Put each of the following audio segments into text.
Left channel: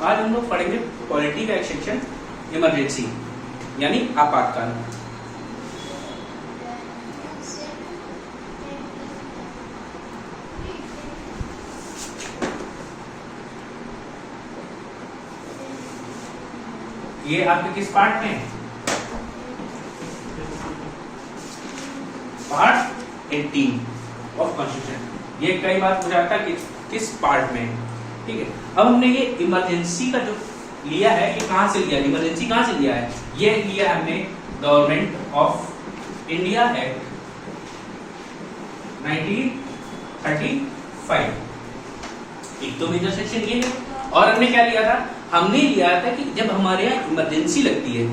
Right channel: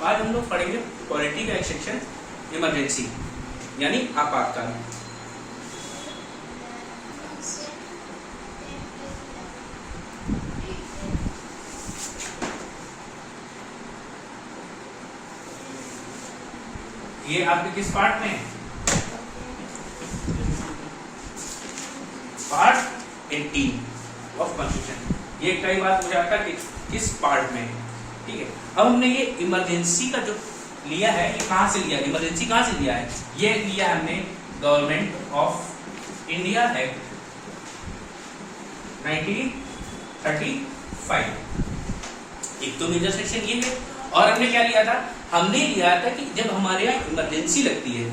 आज हम लोग पढ़ेंगे पॉलिटी का एक सेक्शन, इमरजेंसी यानी आपातकाल। ये आपके किस पार्ट में है? Part 18 of constitution. ये कई बार पूछा जाता है कि किस पार्ट में है, ठीक है। अब हमने ये इमरजेंसी का जो लिया है, ये कहां से लिया, इमरजेंसी कहां से लिया है? ये लिया हमने गवर्नमेंट ऑफ इंडिया एक्ट 1935। एक तो मेजर सेक्शन ये है। और हमने क्या लिया था? हमने लिया था कि जब हमारे यहाँ इमरजेंसी लगती है,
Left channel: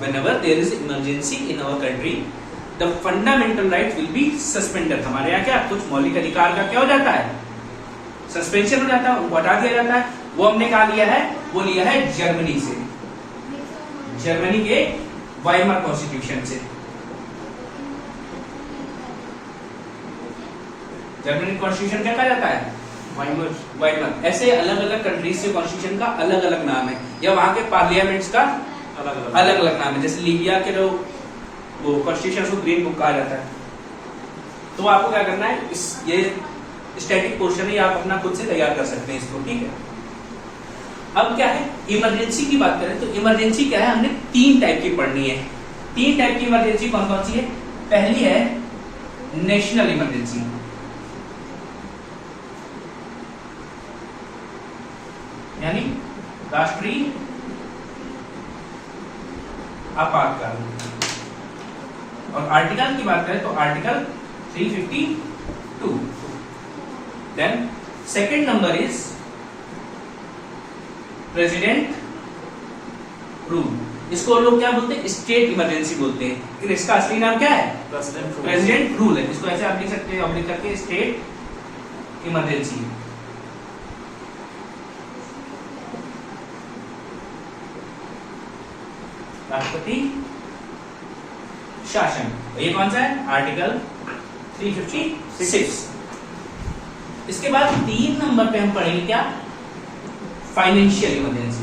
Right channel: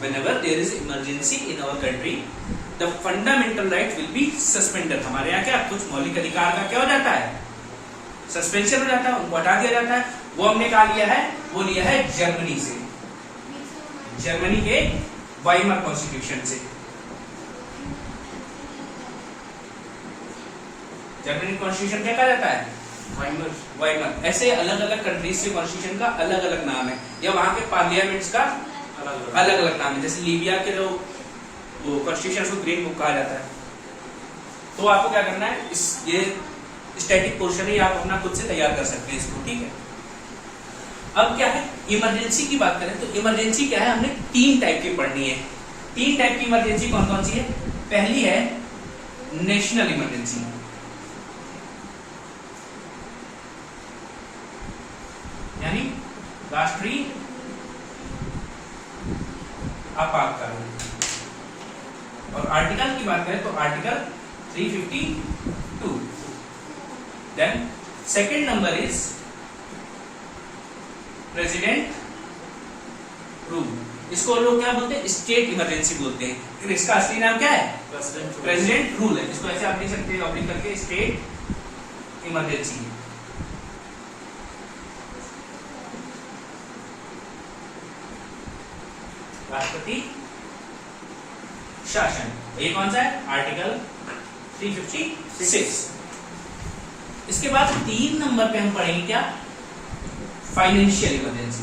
whenever there is emergency in our country, the fundamental rights will be suspended। हमारे यहाँ क्या कुछ मौलिक अधिकार का क्या हो जाता है? सस्पेंशन हो जाता है, उनको हटा दिया जाता है। वो हमने कहा लिया है? वो लिया है जर्मनी से, जर्मनी के वाइमर कॉन्स्टिट्यूशन से। जर्मनी कॉन्स्टिट्यूशन क्या कहा जाता है? वाइमर। ऐसे अलग अलग कंट्रीज से कॉन्स्टिट्यूशन का अलग अलग नाम है, या वहां के पार्लियामेंट्स का अलग अलग नाम है। जैसे लीबिया के वो कॉन्स्टिट्यूशन को ग्रीन बुक कहा जाता है। तो आपको क्या करना है, ये स्टैटिक पोर्शन है, आप अपना खुद से तैयार कर सकते हैं इसको, ठीक है। अब क्या है, इमरजेंसी की बात करें तो इमरजेंसी क्या है, हमने 3 टाइप की पढ़नी है। 3 टाइप की इमरजेंसी कौन कौन सी है? पहली है नेशनल इमरजेंसी, यानी राष्ट्रीय आपातकाल। और आर्टिकल की बात करें तो article 352। Then second number is president rule. इसको लोग क्या बोलते हैं? स्टेट इमरजेंसी बोलते हैं। इसका असली नाम क्या है? प्रेसिडेंट रूल है। इसको ऐसे आप लिख सकते हैं, ऑब्लिक करके स्टेट इमरजेंसी। राष्ट्रपति शासन, ये कौन सा है? आर्टिकल 356। इसके बाद 3 नंबर पे हम पढ़ेंगे क्या? फाइनेंशियल इमरजेंसी,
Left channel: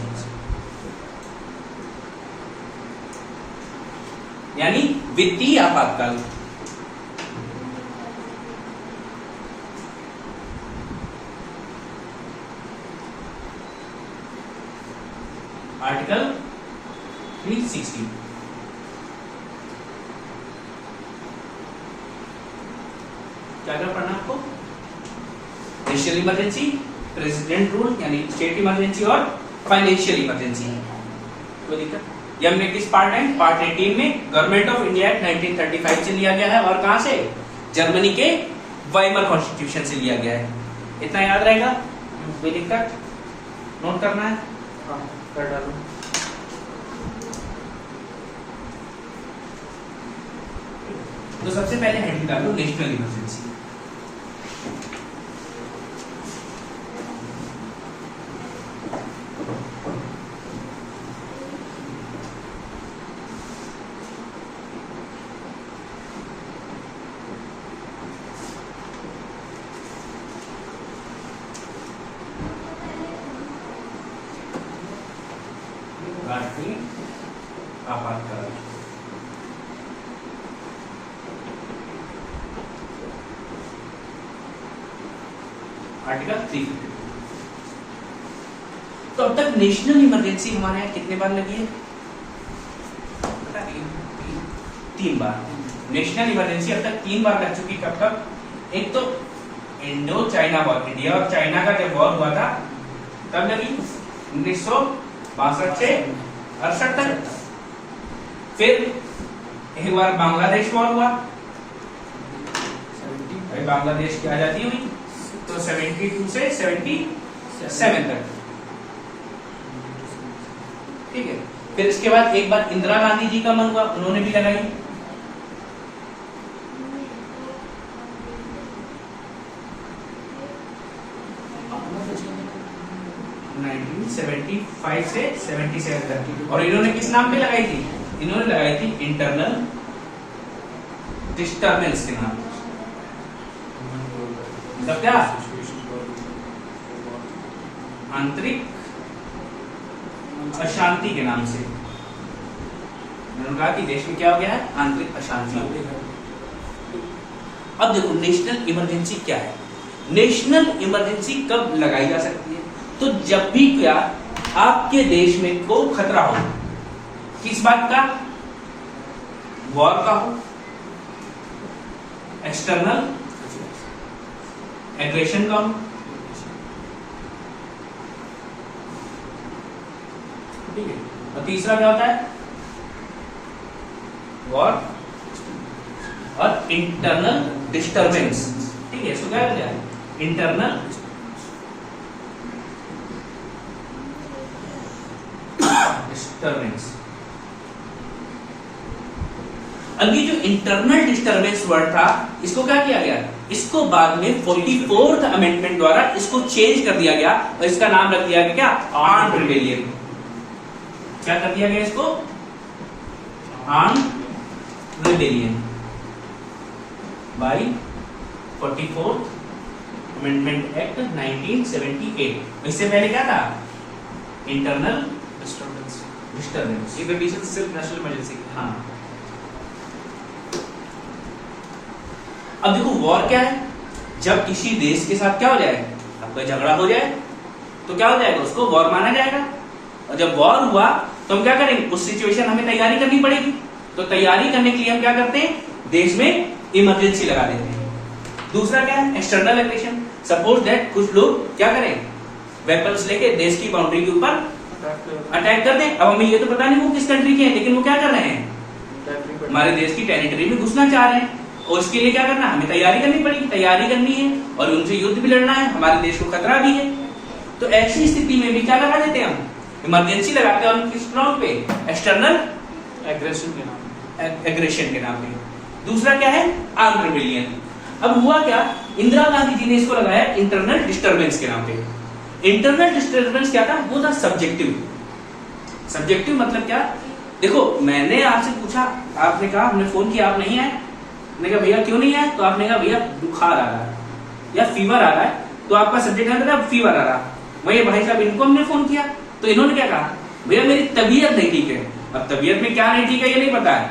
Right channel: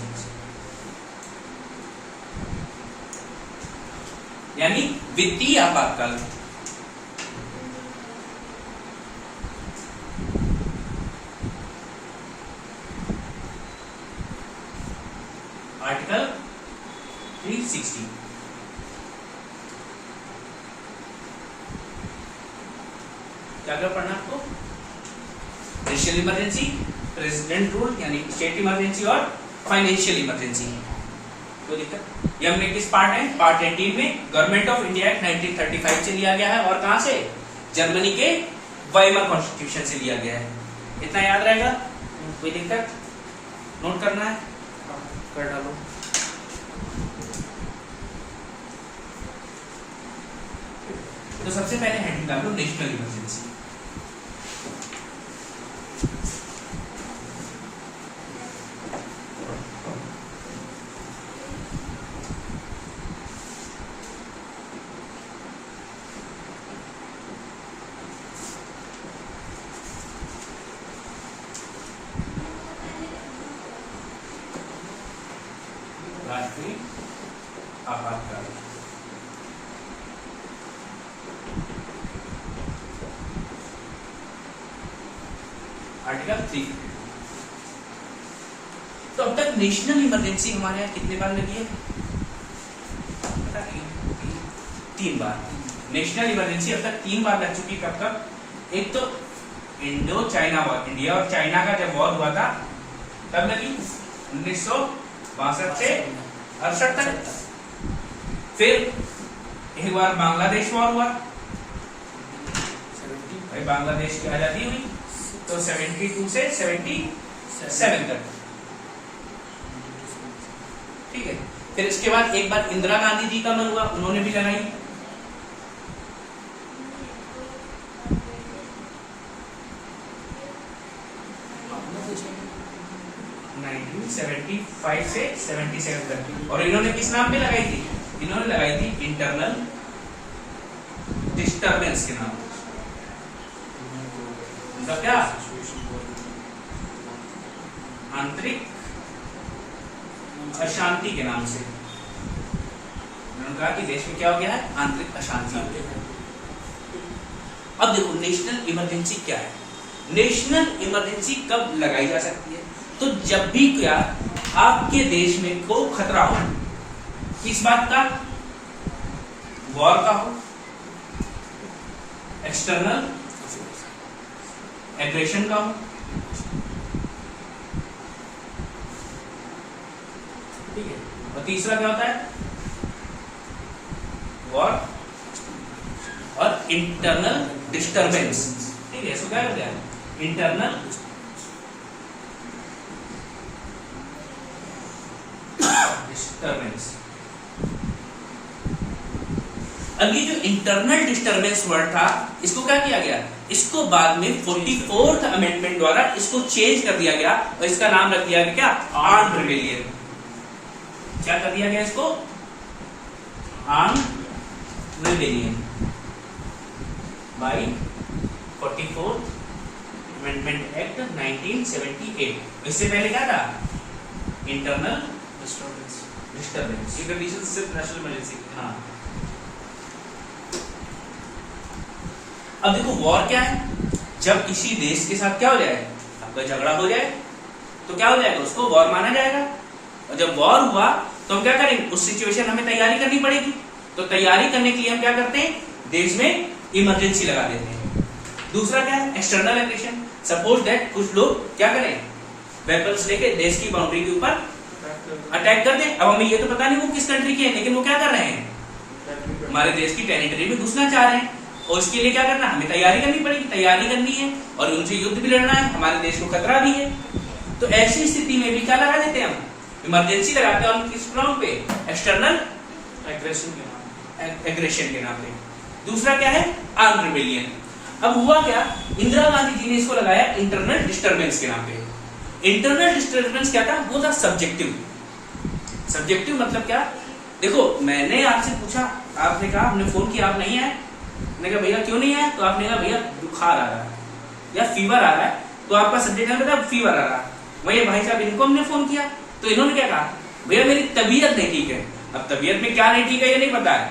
यानी वित्तीय आपातकाल। आर्टिकल 360। क्या क्या पढ़ना आपको? नेशनल इमरजेंसी, प्रेसिडेंट रूल यानी स्टेट इमरजेंसी, और फाइनेंशियल इमरजेंसी। कोई दिक्कत? ये हमने किस पार्ट है? पार्ट 18 में गवर्नमेंट ऑफ इंडिया एक्ट 1935 से लिया गया है। और कहां से? जर्मनी के वाइमर कॉन्स्टिट्यूशन से लिया गया है। इतना याद रहेगा? कोई दिक्कत? नोट करना है? कर डालो। तो सबसे पहले हेड निकाल लो, नेशनल इमरजेंसी। राष्ट्रीय आपातकाल। आर्टिकल 352। तो अब तक नेशनल इमरजेंसी हमारे यहाँ कितने बार लगी है? पता नहीं, 3 बार। नेशनल इमरजेंसी अब तक 3 बार लग चुकी। कब कब? एक तो इंडो चाइना वॉर, इंडिया और चाइना का जब वॉर हुआ था तब लगी 1962 से 68 तक। फिर एक बार बांग्लादेश वॉर हुआ, बांग्लादेश की आजादी हुई, तो 72 से 77 तक, ठीक है। फिर इसके बाद एक बार इंदिरा गांधी जी का मन हुआ, उन्होंने भी लगाई। (1975 से 77 तक। और इन्होंने किस नाम पे लगाई थी? इन्होंने लगाई थी इंटरनल डिस्टर्बेंस के नाम। मतलब क्या? आंतरिक अशांति के नाम से। मैंने कहा कि देश में क्या हो गया है, आंतरिक अशांति। अब देखो नेशनल इमरजेंसी क्या है। नेशनल इमरजेंसी कब लगाई जा सकती है, तो जब भी क्या आपके देश में को खतरा हो, किस बात का, वॉर का हो, एक्सटर्नल एग्रेशन का हो, ठीक है। और तीसरा क्या होता है, वॉर और इंटरनल डिस्टर्बेंस, ठीक है। इसको क्या कहते हैं, इंटरनल डिस्टर्बेंस। अब ये जो इंटरनल डिस्टर्बेंस वर्ड था, इसको क्या किया गया, इसको बाद में 44th अमेंडमेंट द्वारा इसको चेंज कर दिया गया और इसका नाम रख दिया गया क्या, आर्म्ड रिबेलियन। क्या कर दिया गया इसको, armed rebellion by 44th amendment act 1978। इससे पहले क्या था, इंटरनल डिस्टर्बेंस। ये कंडीशन सिर्फ नेशनल इमरजेंसी। हाँ। अब देखो वॉर क्या है, जब किसी देश के साथ क्या हो जाए, आपका झगड़ा हो जाए तो क्या हो जाएगा, उसको वॉर माना जाएगा। और जब वॉर हुआ तो हम क्या करेंगे, उस सिचुएशन हमें तैयारी करनी पड़ेगी। तो तैयारी करने के लिए हम क्या करते हैं, देश में इमरजेंसी लगा देते हैं। दूसरा क्या है, एक्सटर्नल एग्रेशन। सपोज दैट कुछ लोग क्या करें, वेपन्स लेके देश की बाउंड्री के ऊपर अटैक कर दें। अब हमें ये तो पता नहीं वो किस कंट्री के हैं, लेकिन वो क्या कर रहे हैं, हमारे देश की टेरिटरी में घुसना चाह रहे हैं। और इसके लिए क्या करना, हमें तैयारी करनी पड़ेगी, तैयारी करनी है और उनसे युद्ध भी लड़ना है, हमारे देश को खतरा भी है। तो ऐसी स्थिति में भी क्या लगा देते हैं, हम इमरजेंसी लगाते हैं। किस ग्राउंड पे, एक्सटर्नल एग्रेशन के नाम पे। दूसरा क्या है, आर्म्ड रिबेलियन। अब हुआ क्या, इंदिरा गांधी जी ने इसको लगाया इंटरनल डिस्टर्बेंस के नाम पे। इंटरनल डिस्टर्बेंस क्या था, वो था सब्जेक्टिव। सब्जेक्टिव मतलब क्या, देखो मैंने आपसे पूछा, आपने कहा, हमने फोन किया, आप नहीं आए, मैंने कहा भैया क्यों नहीं आए, तो आपने कहा भैया बुखार आ रहा है या फीवर आ रहा है। तो आपका सब्जेक्ट क्या था, फीवर आ रहा है। वही भाई साहब इनको हमने फोन किया तो इन्होंने क्या कहा, भैया मेरी तबीयत नहीं ठीक है। अब तबीयत में क्या नहीं ठीक है ये नहीं पता है।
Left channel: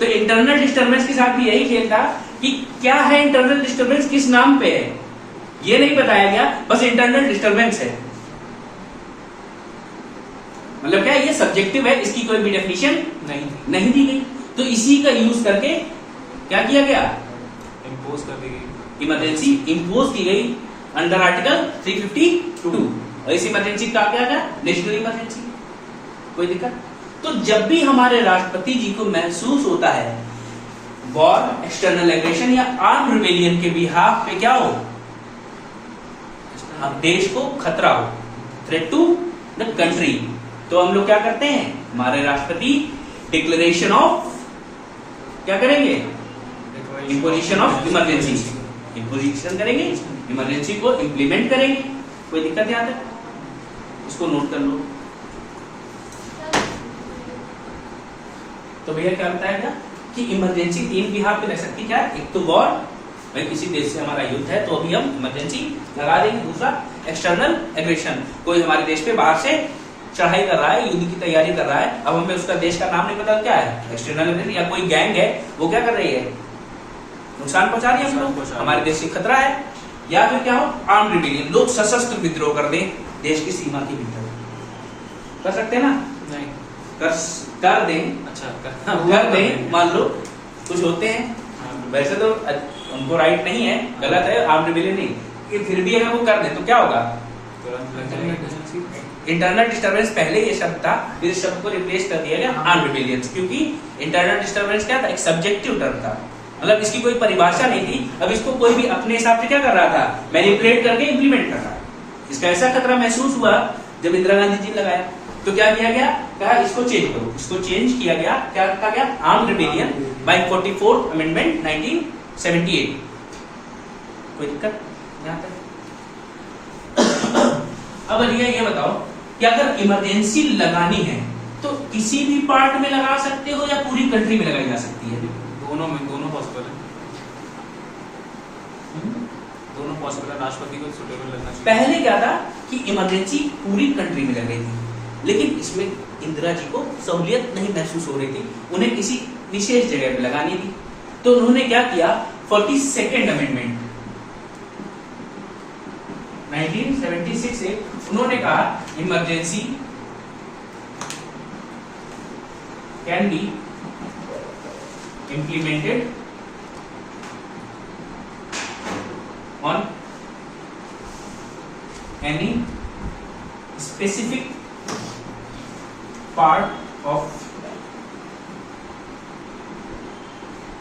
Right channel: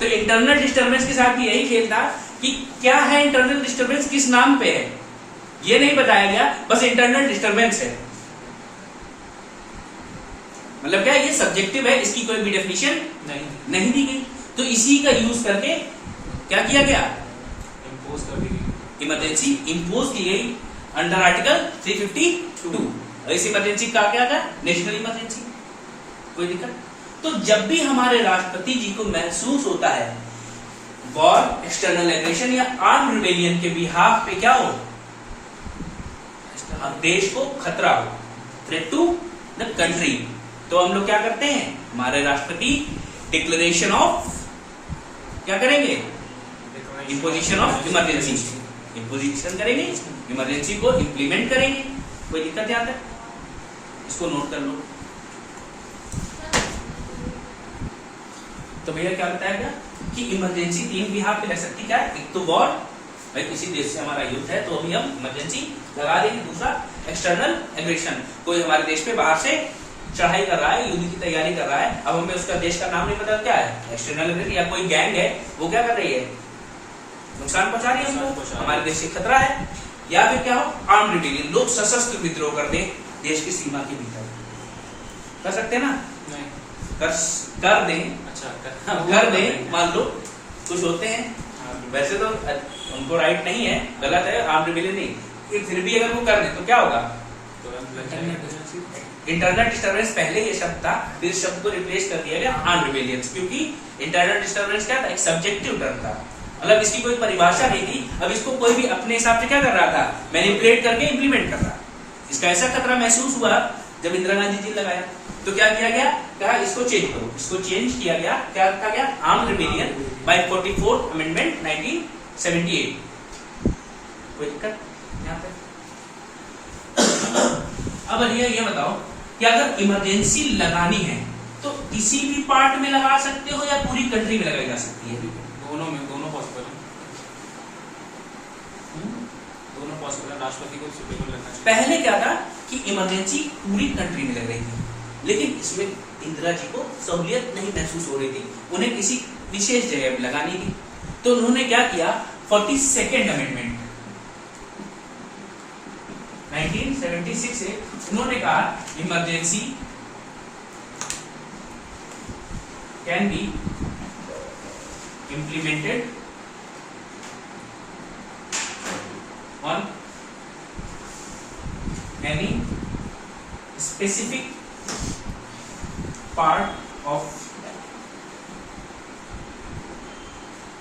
तो इंटरनल डिस्टर्बेंस के साथ भी यही खेल था कि क्या है इंटरनल डिस्टर्बेंस, किस नाम पे है, ये नहीं बताया गया, बस इंटरनल डिस्टर्बेंस है। मतलब क्या है, ये सब्जेक्टिव है, इसकी कोई भी डेफिनेशन नहीं दी गई। तो इसी का यूज करके क्या किया गया, इम्पोज कर दी गई, इमरजेंसी इम्पोज की गई अंडर आर्टिकल 352। और इस इमरजेंसी का क्या था, नेशनल इमरजेंसी। कोई दिक्कत, तो जब भी हमारे राष्ट्रपति जी को महसूस होता है वॉर, एक्सटर्नल एग्रेशन या आर्म्ड रिबेलियन के बिहाफ पे क्या हो, अब देश को खतरा हो, थ्रेट टू द कंट्री, तो हम लोग क्या करते हैं, हमारे राष्ट्रपति डिक्लेरेशन ऑफ क्या करेंगे, इम्पोजिशन ऑफ इमरजेंसी, इम्पोजिशन करेंगे, इमरजेंसी को इंप्लीमेंट करेंगे। कोई दिक्कत यहाँ तक, इसको नोट कर लो। तो भैया क्या बताया गया कि इमरजेंसी तीन बिहाफ पे लग सकती, क्या, एक तो वॉर, भाई किसी देश से हमारा युद्ध है तो अभी हम इमरजेंसी लगा देंगे। दूसरा एक्सटर्नल एग्रेशन, कोई हमारे देश पे बाहर से चढ़ाई कर रहा है, युद्ध की तैयारी कर रहा है, अब हमें उसका देश का नाम नहीं पता, क्या है एक्सटर्नल एग्रेशन। या कोई गैंग है वो क्या कर रही है, नुकसान पहुंचा रही है हमको, हमारे देश से खतरा है। या फिर क्या हो, आर्म्ड रिबेलियन, लोग सशस्त्र विद्रोह कर दे देश की सीमा के भीतर, कर सकते हैं ना, नहीं कर दें, अच्छा कर दें, मान लो कुछ होते हैं, वैसे तो उनको राइट नहीं है, गलत है, आर्म्ड रिबेलियन नहीं, फिर भी अगर वो कर दें तो क्या होगा, इंटरनल डिस्टर्बेंस पहले ये शब्द था, फिर इस शब्द को रिप्लेस कर दिया गया आर्म्ड रिबेलियन, क्योंकि इंटरनल डिस्टर्बेंस क्या था, एक सब्जेक्टिव टर्म था, मतलब इसकी कोई परिभाषा नहीं थी। अब इसको कोई भी अपने हिसाब से क्या कर रहा था, मैनिपुलेट करके इंप्लीमेंट कर रहा है। इसका ऐसा खतरा महसूस हुआ जब इंदिरा गांधी जी लगाया, तो क्या किया गया, कहा इसको चेंज करो, इसको चेंज किया गया, क्या रखा गया, armed rebellion by 44th amendment 1978। कोई दिक्कत यहाँ तक। अब अलिया ये बताओ कि अगर इमरजेंसी लगानी है तो किसी भी पार्ट में लगा सकते हो या पूरी कंट्री में लगाई जा सकती है, दोनों पॉसिबल है, दोनों पॉसिबल है, राष्ट्रपति को सुटेबल लगना चाहिए। पहले क्या था कि इमरजेंसी पूरी कंट्री में लग रही थी, लेकिन इसमें इंदिरा जी को सहूलियत नहीं महसूस हो रही थी, उन्हें किसी विशेष जगह पे लगानी थी। तो उन्होंने क्या किया, 42nd अमेंडमेंट 1976 से उन्होंने कहा emergency can be implemented on any specific part of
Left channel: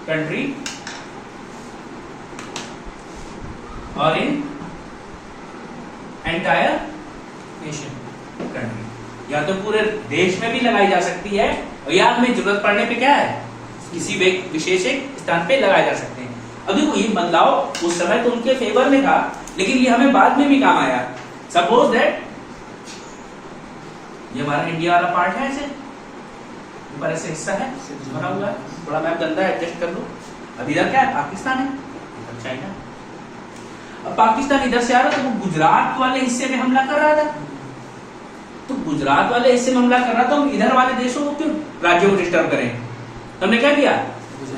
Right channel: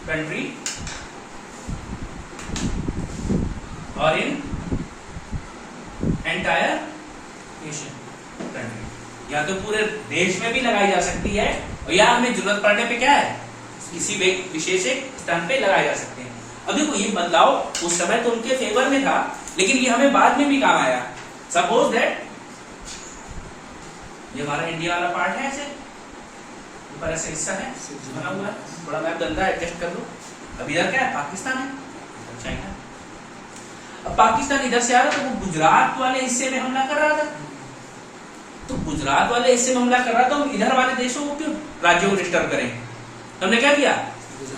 country और इन एंटायर नेशन कंट्री, या तो पूरे देश में भी लगाई जा सकती है और या हमें जरूरत पड़ने पे क्या है किसी विशेष स्थान पे लगाए जा सकते हैं। अब देखो ये बदलाव उस समय तो उनके फेवर में था, लेकिन ये हमें बाद में भी काम आया। सपोज दैट ये हमारा इंडिया वाला पार्ट है, ऐसे ऊपर ऐसे हिस्सा है बना हुआ है, थोड़ा मैप गंदा है एडजस्ट कर लो। अब इधर क्या है, पाकिस्तान है, इधर चाइना। अब पाकिस्तान इधर से आ रहा था, वो गुजरात वाले हिस्से में हमला कर रहा था, तो गुजरात वाले हिस्से में हमला कर रहा था, हम इधर वाले देशों को क्यों, राज्यों को डिस्टर्ब करें। हमने क्या किया,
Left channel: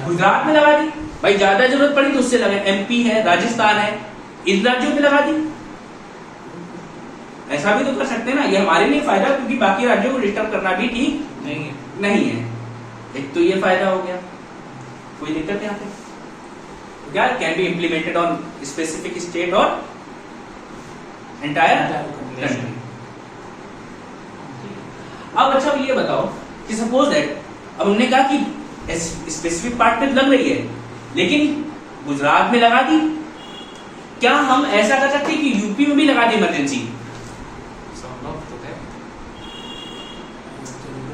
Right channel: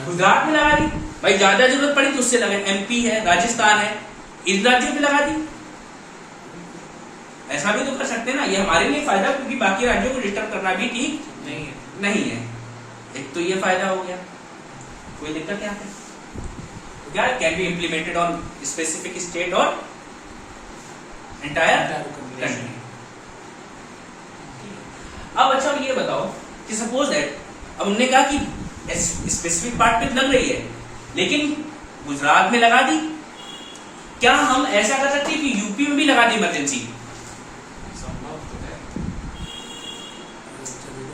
गुजरात में लगा दी। भाई ज्यादा जरूरत पड़ी तो उससे लगे, एमपी है, राजस्थान है, इन राज्यों में लगा दी। ऐसा भी तो कर सकते हैं ना, ये हमारे लिए फायदा, क्योंकि बाकी राज्यों को डिस्टर्ब करना भी ठीक नहीं है। एक तो ये फायदा हो गया, कोई दिक्कत यहाँ पे क्या, can be implemented on specific state और एंटायर कंट्री। अब अच्छा ये बताओ कि सपोज दैट अब हमने कहा कि स्पेसिफिक पार्ट पे लग रही है, लेकिन गुजरात में लगा दी, क्या हम ऐसा कर सकते हैं कि यूपी में भी लगा दी इमरजेंसी?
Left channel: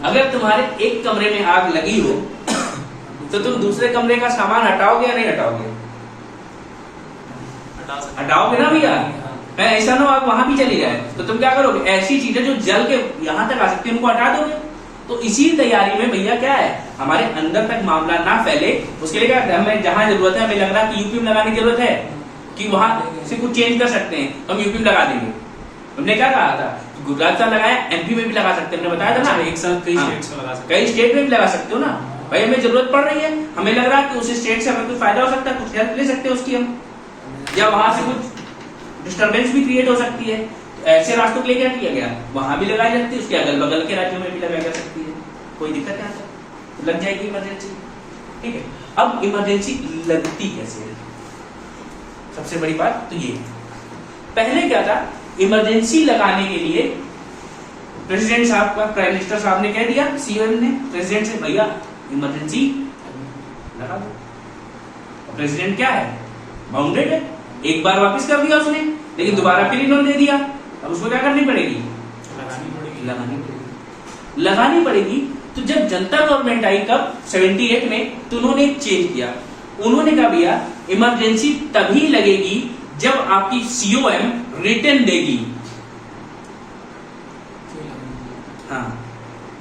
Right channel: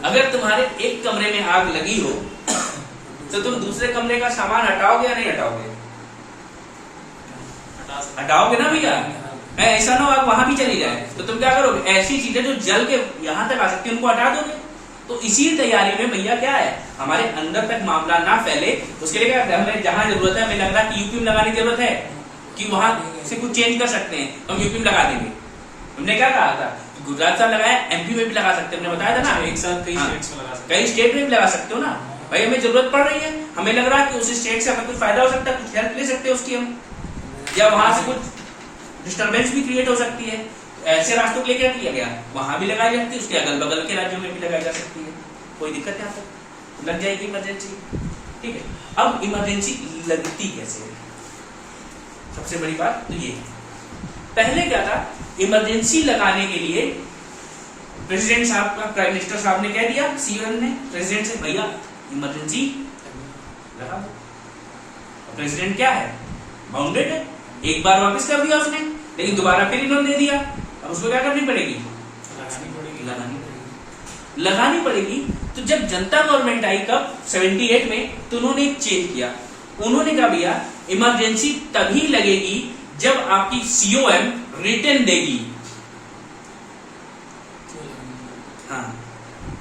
अगर तुम्हारे एक कमरे में आग लगी हो तो तुम दूसरे कमरे का सामान हटाओगे या नहीं हटाओगे? हटाओगे ना भैया, ऐसा ना हो आग वहां भी चली जाए तो तुम क्या करोगे, ऐसी चीजें जो जल के यहां तक आ सकती है उनको हटा दोगे। तो इसी तैयारी में भैया क्या है, हमारे अंदर तक मामला ना फैले, उसके लिए क्या हमें जहां जरूरत है, हमें लग रहा है कि यूपी में लगाने की जरूरत है कि वहां से कुछ चेंज कर सकते हैं, हम यूपी में लगा देंगे। हमने क्या कहा था, गुजरात से लगाया, एमपी में भी लगा सकते हैं, हमने बताया था ना, एक साथ कई स्टेट्स में लगा सकते, कई स्टेट में भी लगा सकते हो ना। भाई हमें जरूरत पड़ रही है, हमें लग रहा है कि उस स्टेट से हमें कुछ फायदा हो सकता है, कुछ हेल्प ले सकते हैं उसकी हम, या वहां से कुछ डिस्टर्बेंस भी क्रिएट हो सकती है। ऐसे राष्ट्रों के लिए क्या किया गया, वहां भी लगाई जा सकती है, उसके अगल बगल के राज्यों में भी लगाई जा सकती है, कोई दिक्कत नहीं, लग जाएगी इमरजेंसी। ठीक है, अब इमरजेंसी लगती कैसे है, सबसे बड़ी बात तो ये। पहले क्या था, इमरजेंसी लगाने के लिए प्रेसिडेंट साहब का, प्राइम मिनिस्टर साहब ने कह दिया, सीएम ने प्रेसिडेंट से, भैया इमरजेंसी लगा दो। प्रेसिडेंट क्या है, बाउंडेड है, एक बार वापस कर दिया उसने, लेकिन दोबारा फिर इन्होंने दे दिया, अब उसमें क्या करनी पड़ेगी, लगानी पड़ेगी। तो जब जनता गवर्नमेंट आई कब, 78 में, तो उन्होंने एक चेंज किया, उन्होंने कहा भैया इमरजेंसी तभी लगेगी जब आपकी सीओएम रिटर्न देगी। हाँ,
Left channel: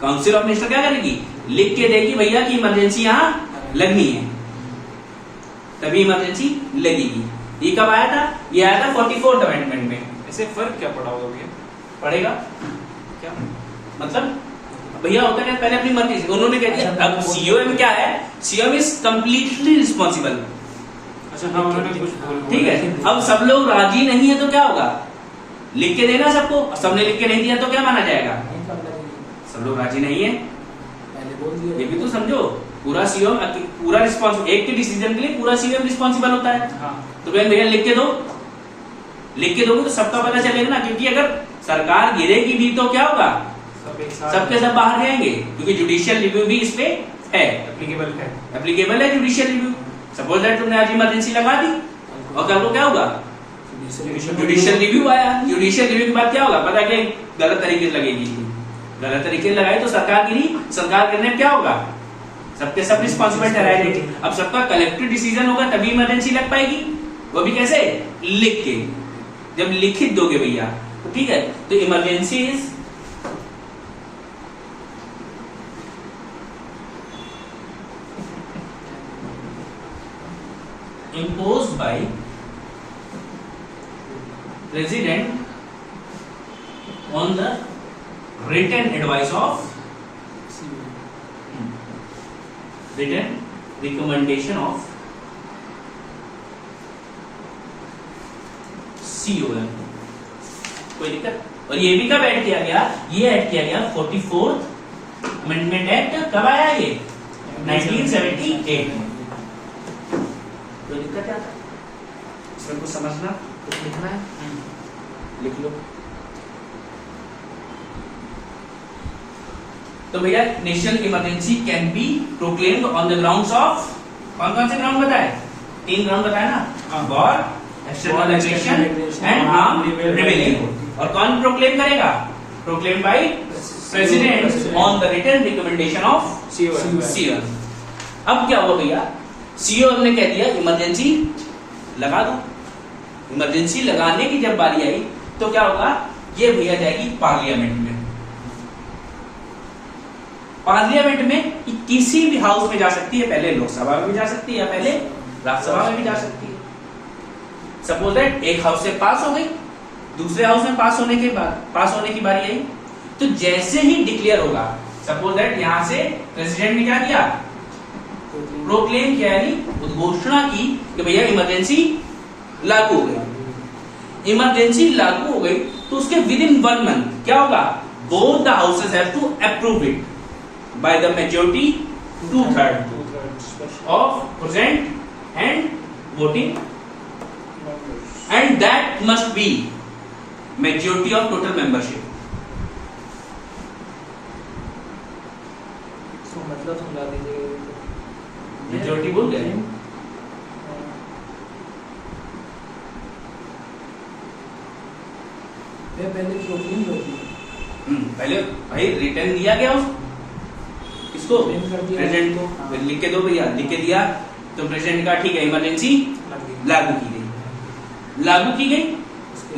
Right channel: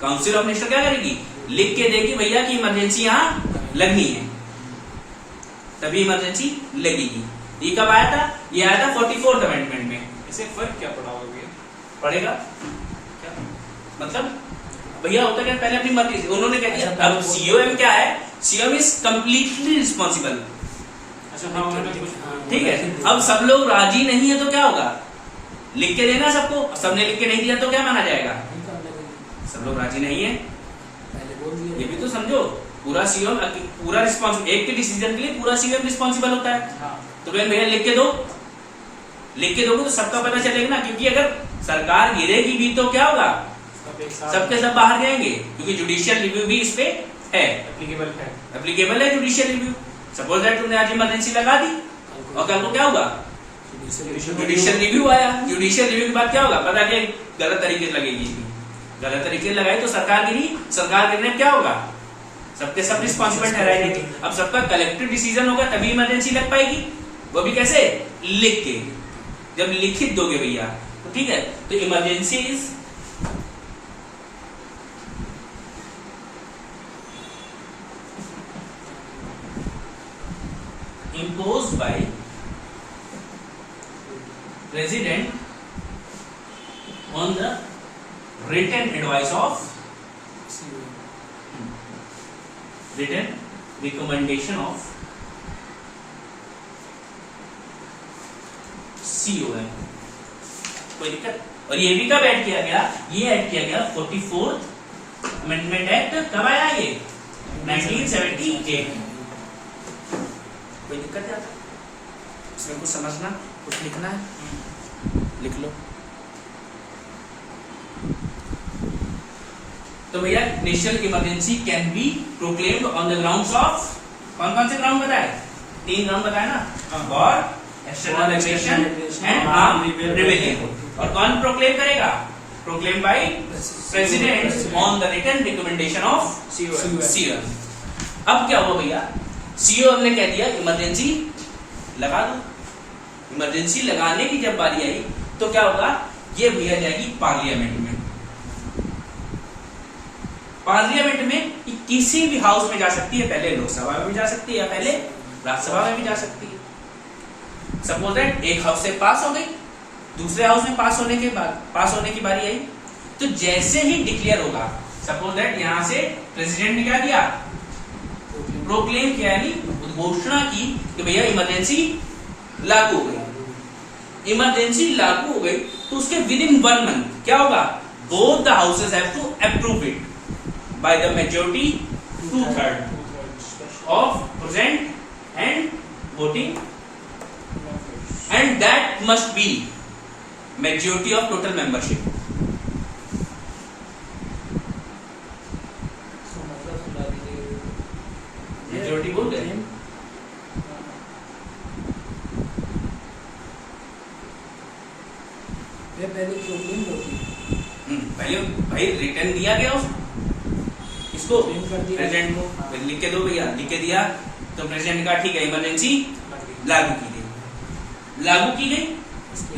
काउंसिल ऑफ मिनिस्टर क्या करेगी, लिख के देगी भैया कि इमरजेंसी यहां लगनी है, तभी इमरजेंसी लगेगी। ये कब आया था, ये आया था 44th अमेंडमेंट में। ऐसे फर्क क्या पड़ा होगा भैया, पड़ेगा क्या मतलब, भैया होता क्या, पहले अपनी मर्जी से उन्होंने कह दिया, अब सीओएम क्या है, सीओएम इज कंप्लीटली रिस्पॉन्सिबल। अच्छा हाँ, उन्होंने कुछ ठीक है, अब सब लोग राजी नहीं है तो क्या होगा, लिख के देना सबको, सबने लिख के नहीं दिया तो क्या माना जाएगा, सब लोग राजी नहीं है, ये भी तो समझो। पूरा सीएम पूरा रिस्पॉन्सिबल, एक के डिसीजन के लिए पूरा सीएम रिस्पॉन्सिबल होता है। तो भैया लिख के दो, लिख के दोगे तो सबका पता चलेगा ना, क्योंकि अगर सरकार गिरेगी भी तो क्या होगा, सबके सब बाहर जाएंगे, क्योंकि जुडिशियल रिव्यू भी इस पे है, एप्लीकेबल है जुडिशियल रिव्यू। सपोज दैट तुमने आज इमरजेंसी लगा दी और कल को क्या होगा, जुडिशियल रिव्यू आया, जुडिशियल रिव्यू के बाद क्या होगा, पता क्या गलत तरीके से लगेगी, गलत तरीके से लगाई तो सरकार गिरी, सरकार गिरने में क्या होगा, सबके सब रिस्पॉन्सिबल ठहराए जाएंगे। अब सबका कलेक्टिव डिसीजन होगा तभी इमरजेंसी लग पाएगी, वो भी कैसे, लिख के, जब लिखित दोगे भैया तो ठीक है। तो emergency is imposed by president on the written advice of written recommendation of COM। कोई दिक्कत? और ये भी कब ऐड किया गया? ये ऐड किया गया 44th अमेंडमेंट एक्ट। कब आया ये? 1978 में। कोई दिक्कत है? इसमें कुछ समझना, कुछ लिखना है? लिख लो। तो भैया national emergency can be proclaimed on the grounds of, कौन कौन से ग्राउंड बताए? 3 ग्राउंड बताए ना, war, external aggression and armed rebellion. और कौन प्रोक्लेम करेगा? Proclaim by president on the written recommendation of COM। अब क्या हुआ भैया? COM ने कह दिया इमरजेंसी लगा दो। इमरजेंसी लगाने की जब बारी आई तो क्या होगा? ये भैया जाएगी पार्लियामेंट में। पार्लियामेंट में किसी भी हाउस में जा सकती है, पहले लोकसभा में भी जा सकती है या पहले राज्यसभा में भी जा सकती है। सपोज दैट एक हाउस से पास हो गई, दूसरे हाउस में पास होने की बारी आई, तो जैसे ही डिक्लेयर होगा, सपोज दैट यहां से प्रेसिडेंट ने क्या किया? प्रोक्लेम किया, यानी उद्घोषणा की कि भैया इमरजेंसी लागू हो गई। इमरजेंसी लागू हो गई तो उसके विद इन 1 मंथ क्या होगा? Both the houses have to approve it by the majority 2/3 of present and voting, and that must be majority of total membership। तो मतलब समझा दीजिए। मेजॉरिटी बोल गए? पहले प्रोक्लेम होती है। पहले भाई रिटर्न दिया गया किसको? प्रेसिडेंट को। हाँ। फिर लिख के दो भैया, लिख के दिया तो प्रेसिडेंट का ठीक है इमरजेंसी लागू की गई। लागू की गई,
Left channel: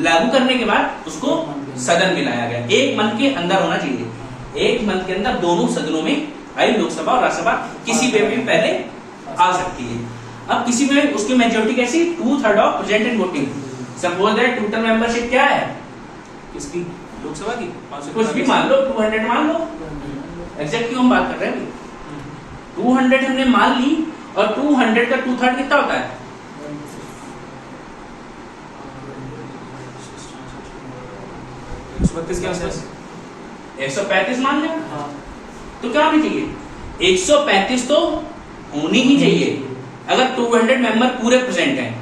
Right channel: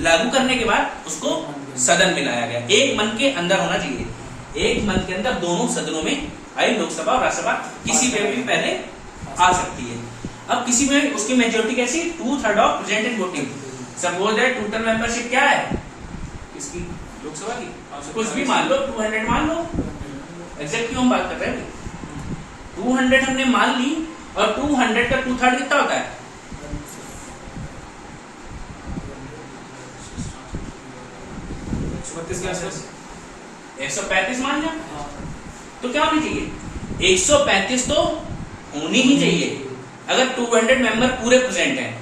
लागू करने के बाद उसको सदन में लाया गया। 1 मंथ के अंदर होना चाहिए। 1 मंथ के अंदर दोनों सदनों में, भाई लोकसभा और राज्यसभा किसी में भी पहले आ सकती है। अब किसी में उसकी मेजोरिटी कैसी? 2/3 of present and voting. Suppose that total membership क्या है किसकी? लोकसभा की? कुछ भी मान लो, 200 मान लो, एग्जैक्ट क्यों हम बात कर रहे हैं? 200 हमने मान ली, और 200 का 2/3 कितना होता है? 135 मान लिया। तो क्या होनी चाहिए? 135 तो होनी ही चाहिए अगर 200 मेंबर पूरे प्रेजेंट हैं।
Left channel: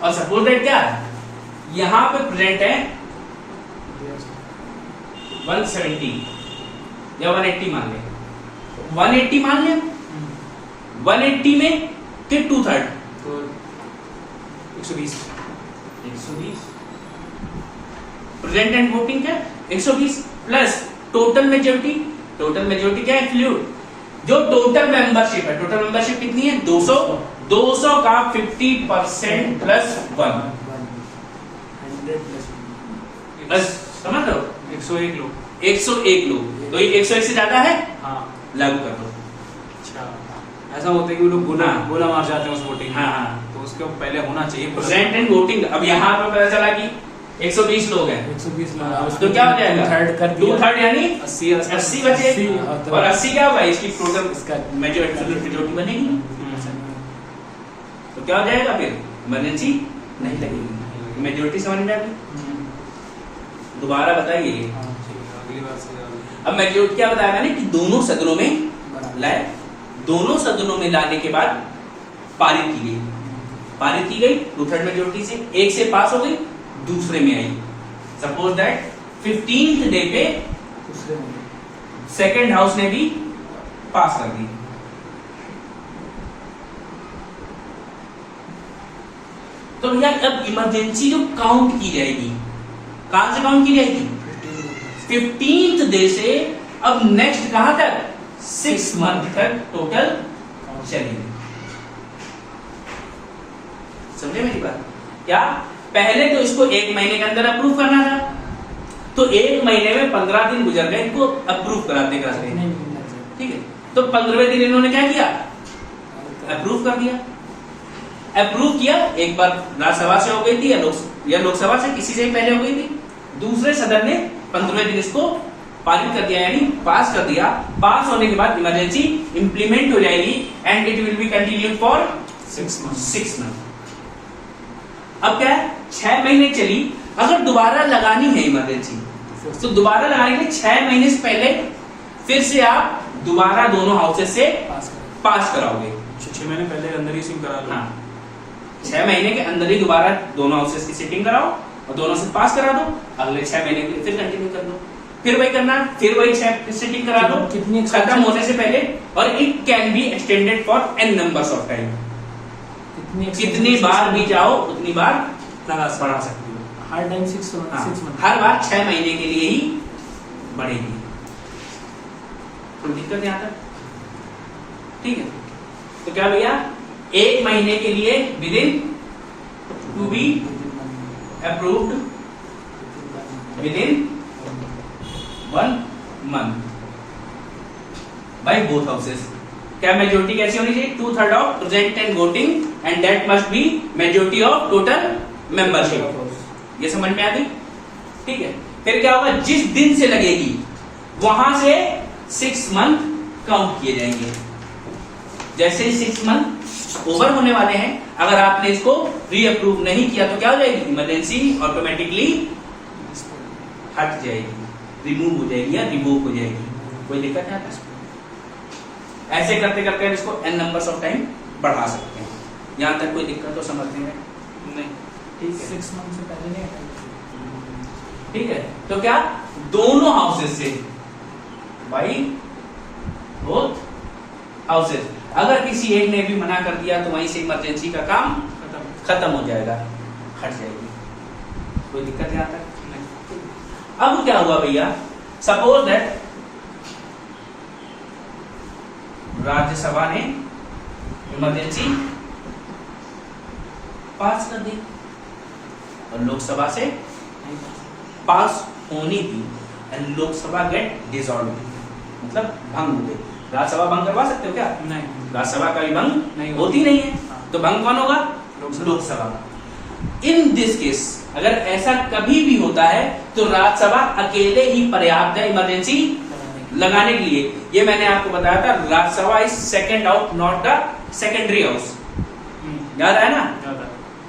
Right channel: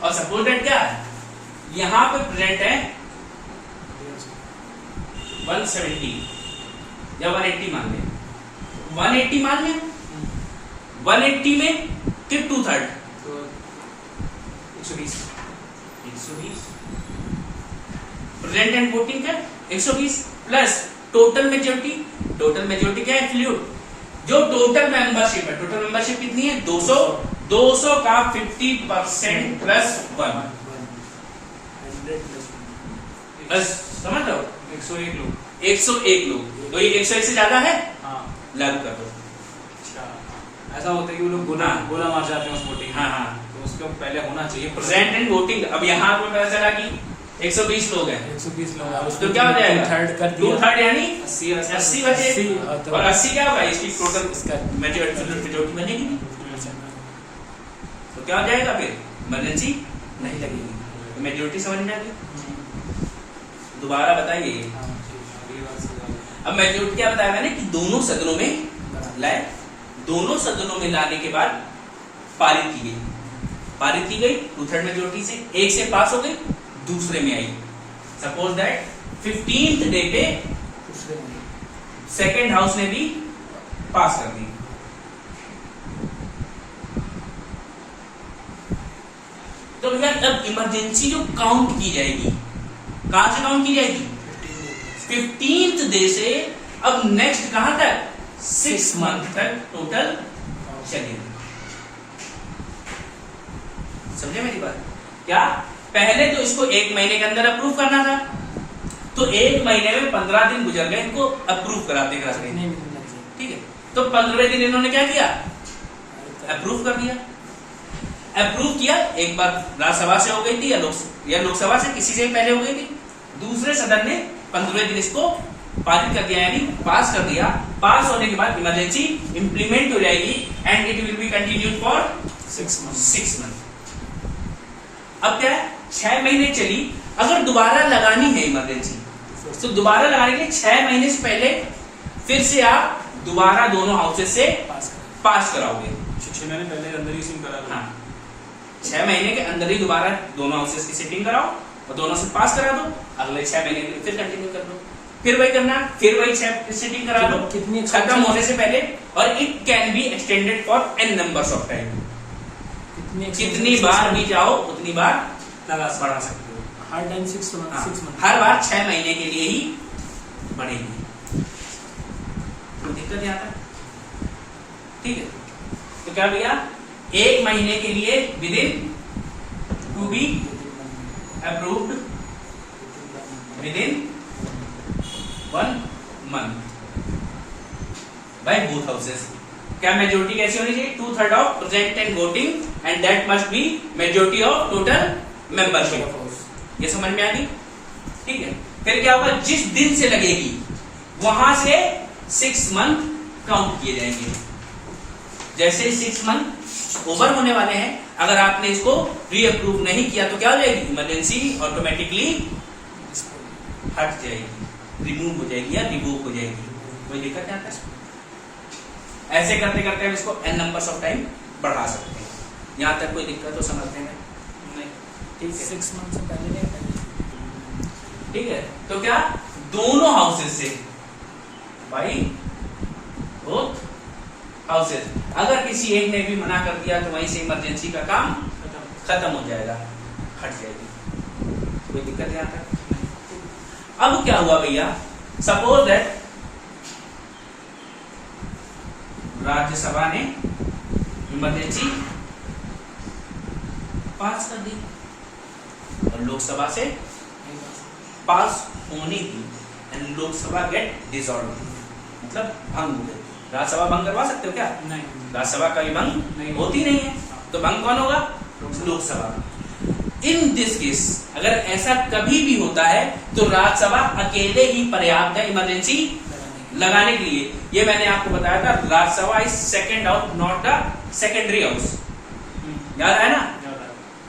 और सपोज दैट क्या है, यहां पे प्रेजेंट है 170 या 180 मान लें, 180 मान लें। 180 में के 2/3 तो 120 प्रेजेंट एंड वोटिंग क्या? 120 plus total majority. Total majority क्या है? एब्सोल्यूट। जो टोटल मेंबरशिप है, टोटल मेंबरशिप कितनी है? 200। 200 का 50% प्लस 1 प्लस, समझ लो 101 लोग। 101 लोग। तो ये 101 से ज्यादा है, हाँ। लागू कर दो। अच्छा, ऐसा होता है कि वो लोग गोला हाँ। गोला मार जाते हैं उस वोटिंग। हाँ हाँ, तो उसके पहले होना चाहिए प्रेजेंट एंड वोटिंग। अब यहाँ पे पता चला कि 120 लोग हैं, 120 लोग। तो क्या हो जाएगा? 2/3 यानी 80 बचे। 80 और 80 क्या होगा? इसकी टोटल इसका मेजोरिटी बनेगी। तो क्या हो जाएगा फिर? इमरजेंसी नहीं लगेगी। मेजोरिटी समझ में आ गई? दोबारा बताइए। अगली बार से अब मेजोरिटी क्या बताया मैंने कि दोनों सदनों में लाए। दोनों सदनों में लाने के बाद पारित की गई। पारित की गई 2/3 मेजोरिटी से। एक से पास हो गई, दूसरे में आई। सपोज दैट 15th डे पे दूसरे में सेकेंड हाउस ने भी पास कर दी। तो भैया अब इमरजेंसी जो काउंट की जाएगी, कहां से काउंट की जाएगी? 15th डे से। अब नेक्स्ट कहां तक? 6 मंथ तक टोटल चलेगी। समझे मेरी बात? क्या पहले तो इसको 1 महीने के अंदर अप्रूव करना था, तो 1 महीने में 15 दिन गुजर गए इनको अप्रूव कराते कराते। नहीं मिलना चाहिए। ठीक है, तो 15वें दिन इन्होंने क्या किया? अप्रूव कर दिया। अप्रूव किया, एक बार राज्यसभा से हो गई थी या लोकसभा से, किसी से पहले हो गई थी। दूसरे सदन ने 15वें दिन इसको पारित कर दिया यानी पास कर दिया, पास होने के बाद इमरजेंसी इंप्लीमेंट हो जाएगी and it will be continued for 6 month. अब क्या है, 6 महीने चली, अगर दोबारा लगानी है इमरजेंसी तो दोबारा लगाने के लिए 6 महीने से पहले फिर से आप दोबारा दोनों हाउसेस से पास कराओगे। 6 महीने पहले अंदर ही सिम करा दो। हाँ, 6 महीने के अंदर ही दोबारा दोनों हाउसेस की सेटिंग कराओ और दोनों से पास करा दो, अगले 6 महीने के लिए फिर कंटिन्यू कर दो, फिर वही करना, फिर वही सेटिंग करा दो कितनी खत्म होने से पहले, और it can be extended for n numbers of time. कितनी बार भी जाओ उतनी बार लगा बढ़ा सकते हो। हर टाइम 6 हाँ, मंथ हर बार 6 महीने के लिए ही बढ़ेगी। तो दिक्कत यहाँ तक ठीक है। तो क्या भैया, 1 महीने के लिए within to be approved within 1 month by both houses. क्या मेजोरिटी कैसी होनी चाहिए, 2/3 of present and voting and that must be majority of total membership. ये समझ में आ गई, ठीक है। फिर क्या होगा, जिस दिन से लगेगी वहां से 6 मंथ काउंट किए जाएंगे। जैसे 6 मंथ ओवर होने वाले हैं, अगर आपने इसको री अप्रूव नहीं किया तो क्या हो जाएगी, इमरजेंसी ऑटोमेटिकली हट जाएगी, रिमूव हो जाएगी या रिवोक हो जाएगी। कोई दिक्कत नहीं आता। ऐसे करते करते हम इसको n नंबर्स ऑफ टाइम बढ़ा सकते हैं। यहां तक कोई दिक्कत तो समझने में नहीं, ठीक है। 6 मंथ से पहले नहीं, ठीक है। तो क्या, दोनों हाउसेस से भाई बोथ हाउसेस, अगर किसी एक ने भी मना कर दिया तो वहीं से इमरजेंसी का काम खत्म हो जाएगा, हट जाएगी। कोई दिक्कत यहां तक। अब क्या हुआ भैया, सपोज दैट राज्यसभा ने इमरजेंसी पास कर दी और लोकसभा से पास होनी थी एंड लोकसभा गेट डिसॉल्व, मतलब भंग हो गई। राज्यसभा भंग करवा सकते हो क्या, नहीं, राज्यसभा का भी भंग नहीं होती नहीं है, तो भंग कौन होगा, लोकसभा। इन दिस केस अगर ऐसा कभी भी होता है तो राज्यसभा अकेले ही पर्याप्त है इमरजेंसी लगाने के लिए। ये मैंने आपको बताया था, Rajya Sabha is second house not the secondary house, याद आया ना।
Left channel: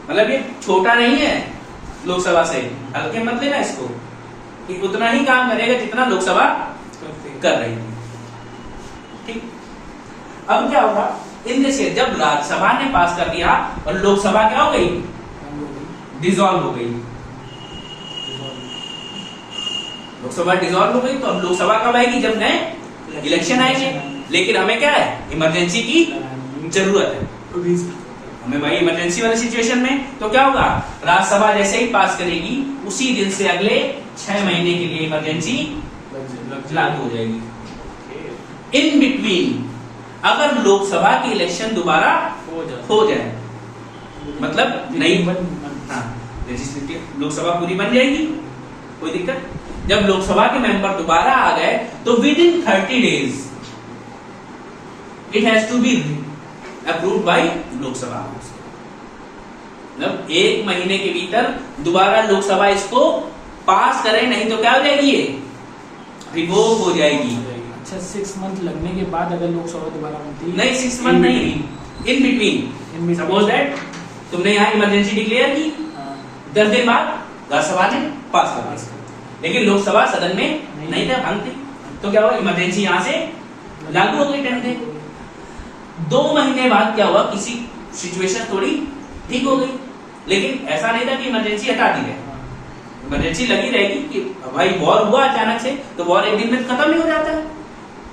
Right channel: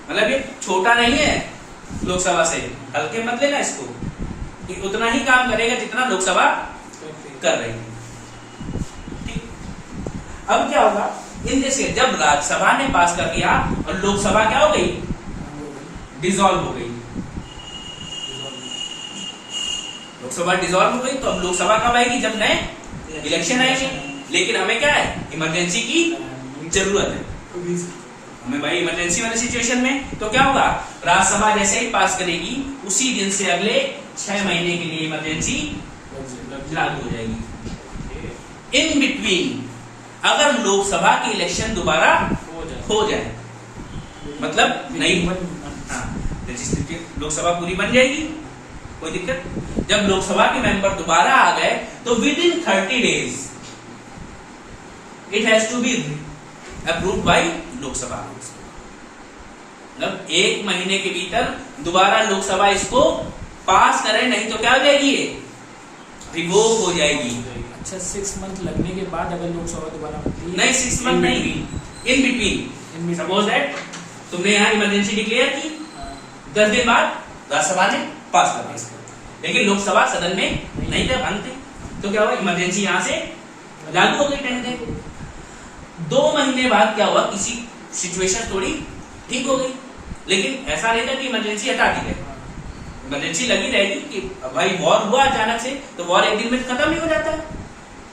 मतलब ये छोटा नहीं है लोकसभा से, हल्के मत लेना इसको, कि उतना ही काम करेगा जितना लोकसभा कर रही है, ठीक। अब क्या होगा, इन दिस केस जब राज्यसभा ने पास कर दिया और लोकसभा क्या हो गई, डिसॉल्व हो गई। लोकसभा डिसॉल्व हो गई तो अब लोकसभा कब आएगी, जब नए इलेक्शन आएंगे। लेकिन हमें क्या है, इमरजेंसी की जरूरत है हमें भाई, इमरजेंसी वाले सिचुएशन में तो क्या होगा, राज्यसभा जैसे ही पास करेगी उसी दिन से अगले 6 महीने के लिए इमरजेंसी लागू हो जाएगी। इन बिटवीन अगर लोकसभा की इलेक्शन दोबारा हो जाए, मतलब नहीं, हाँ, लोकसभा पूरी बन जाएगी, कोई दिक्कत। जब लोकसभा के मेंबर दोबारा आ गए तो within 30 days it has to be approved by Lok Sabha. मतलब 1 महीने के भीतर दोबारा लोकसभा इसको पास करे, नहीं तो क्या हो जाएगी, ये रिवोक हो जाएगी। अच्छा, 6 मंथ लगने के बाद अगर लोकसभा दोबारा बनती है, नहीं 6 मंथ नहीं, इन बिटवीन। सपोज दैट तुमने यहाँ इमरजेंसी डिक्लेयर की, 10 दिन बाद राज्यसभा ने पास कर दिया, लेकिन लोकसभा सदन में नहीं थे, भंग थे, तो क्या हुआ, इमरजेंसी यहाँ से लागू हो गई 10 दिन। 2 महीने बाद क्या हुआ, किसी सिचुएशन थोड़ी ठीक हो गई, लेकिन ऐसा नहीं था कि इमरजेंसी हटा दी है, इमरजेंसी लगी रहेगी कि भाई वॉर हुआ अचानक से, तो वॉर एक दिन में खत्म ही हो जाता है।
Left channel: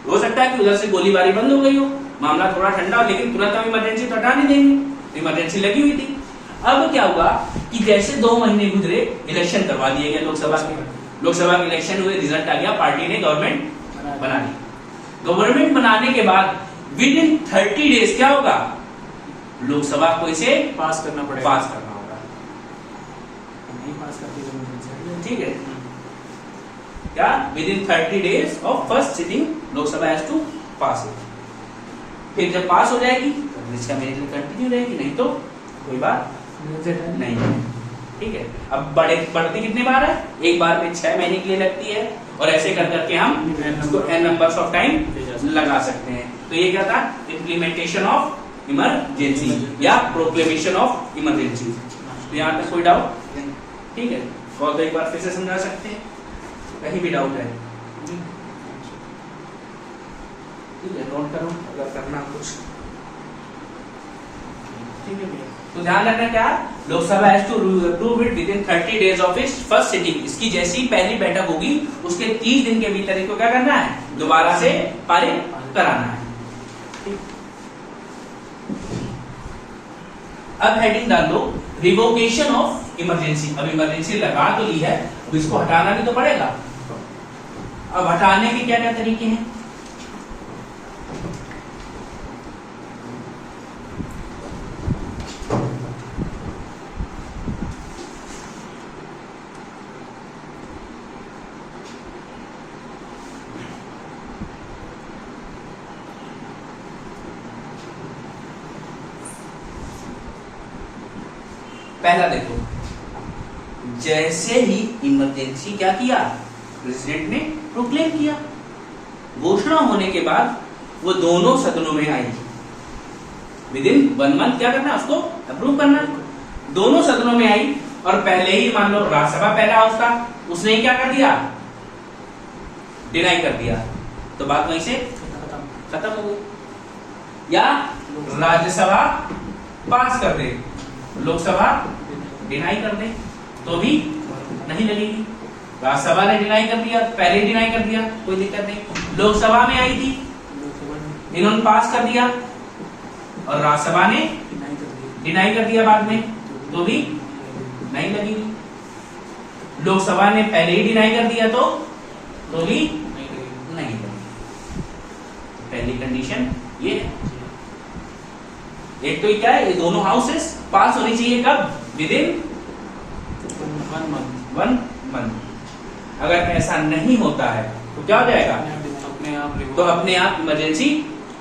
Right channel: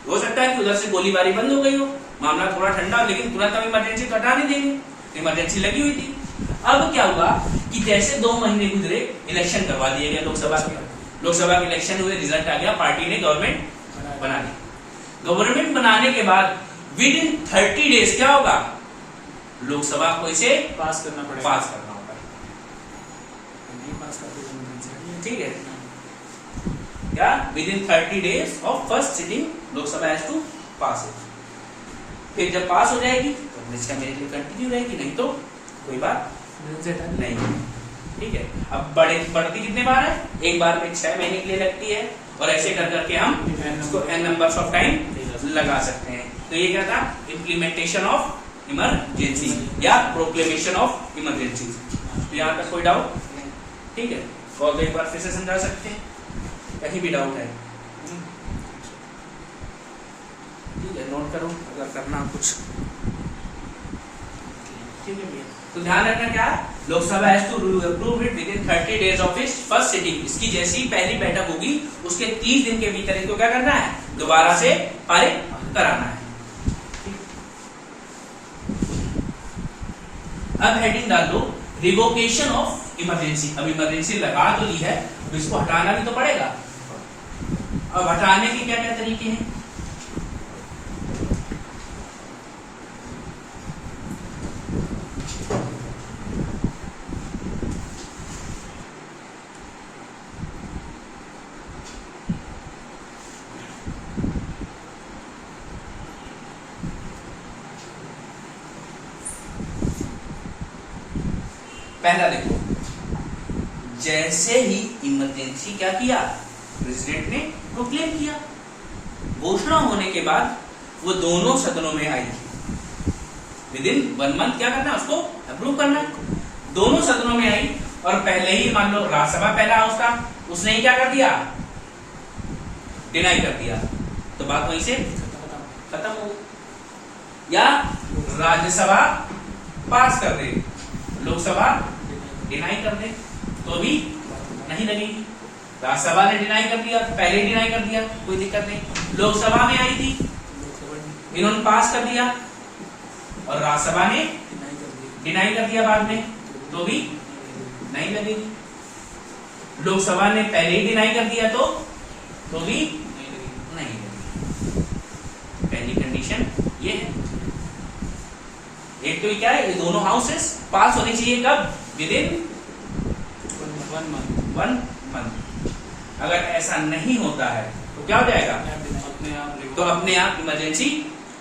हो सकता है कि उधर से गोलीबारी बंद हो गई हो, मामला थोड़ा ठंडा हो, लेकिन तुरंत हम इमरजेंसी तो हटा नहीं देंगे, इमरजेंसी लगी हुई थी। अब क्या हुआ कि जैसे 2 महीने गुजरे, इलेक्शन करवा दिए गए लोकसभा के, लोकसभा के इलेक्शन हुए, रिजल्ट आ गया, पार्टी ने गवर्नमेंट बना ली। गवर्नमेंट बनाने के बाद विद इन 30 डेज क्या होगा, लोकसभा को इसे पास करना पड़ेगा, पास करना होगा, नहीं पास करती तो इमरजेंसी, ठीक है। क्या, within 30 days of first sitting Lok Sabha has to pass it. फिर जब पास हो जाएगी तो 6 महीने के लिए कंटिन्यू रहेगी, नहीं तो कोई बात नहीं, ठीक है। अब बढ़ती कितनी बार है, एक बार में 6 महीने के लिए लगती है, और ऐसे कर करके हम इसको n नंबर्स ऑफ टाइम लगा सकते हैं। तो ये क्या था, इम्प्लीमेंटेशन ऑफ इमरजेंसी या प्रोक्लेमेशन ऑफ इमरजेंसी। तो यहाँ तक कोई डाउट? ठीक है, और तो एक बार फिर से समझा सकते हैं, कहीं भी डाउट है? ठीक है, नोट करो अगर करना कुछ। ठीक है भैया, तो ध्यान रखना क्या, Lok Sabha has to approve it within 30 days of its first sitting. इसकी जैसी पहली बैठक होगी उसके 30 दिन के भीतर इसको क्या करना है, दोबारा से पारित कराना है। अब हेडिंग डाल लो रिवोकेशन ऑफ इमरजेंसी। अब इमरजेंसी लगा तो ली है, अब इसको हटाना भी तो पड़ेगा। अब हटाने के क्या क्या तरीके हैं? पहला देखो, जैसे ही इमरजेंसी क्या किया, प्रेसिडेंट ने प्रोक्लेम किया, घोषणा होने के बाद वो दोनों सदनों में आई, विदिन 1 मंथ क्या करना, उसको अप्रूव करना। दोनों सदनों में आई और पहले ही मान लो राज्यसभा पहला हाउस था, उसने क्या कर दिया, डिनाई कर दिया, तो बात वहीं से खत्म हो गई। या राज्यसभा पास कर दे, लोकसभा डिनाई कर दे, तो भी नहीं लगेगी। राज्यसभा ने डिनाई कर दिया, पहले डिनाई कर दिया, कोई दिक्कत नहीं। लोकसभा में आई थी, इन्होंने पास कर दिया और राज्यसभा ने डिनाई कर दिया बाद में, तो भी नहीं लगेगी। लोकसभा ने पहले ही डिनाई कर दिया तो भी नहीं लगेगी। पहली कंडीशन ये है। एक तो क्या है, ये दोनों हाउसेस पास होनी चाहिए कब, विदिन 1 मंथ। अगर ऐसा नहीं होता है तो क्या हो जाएगा, अपने आप इमरजेंसी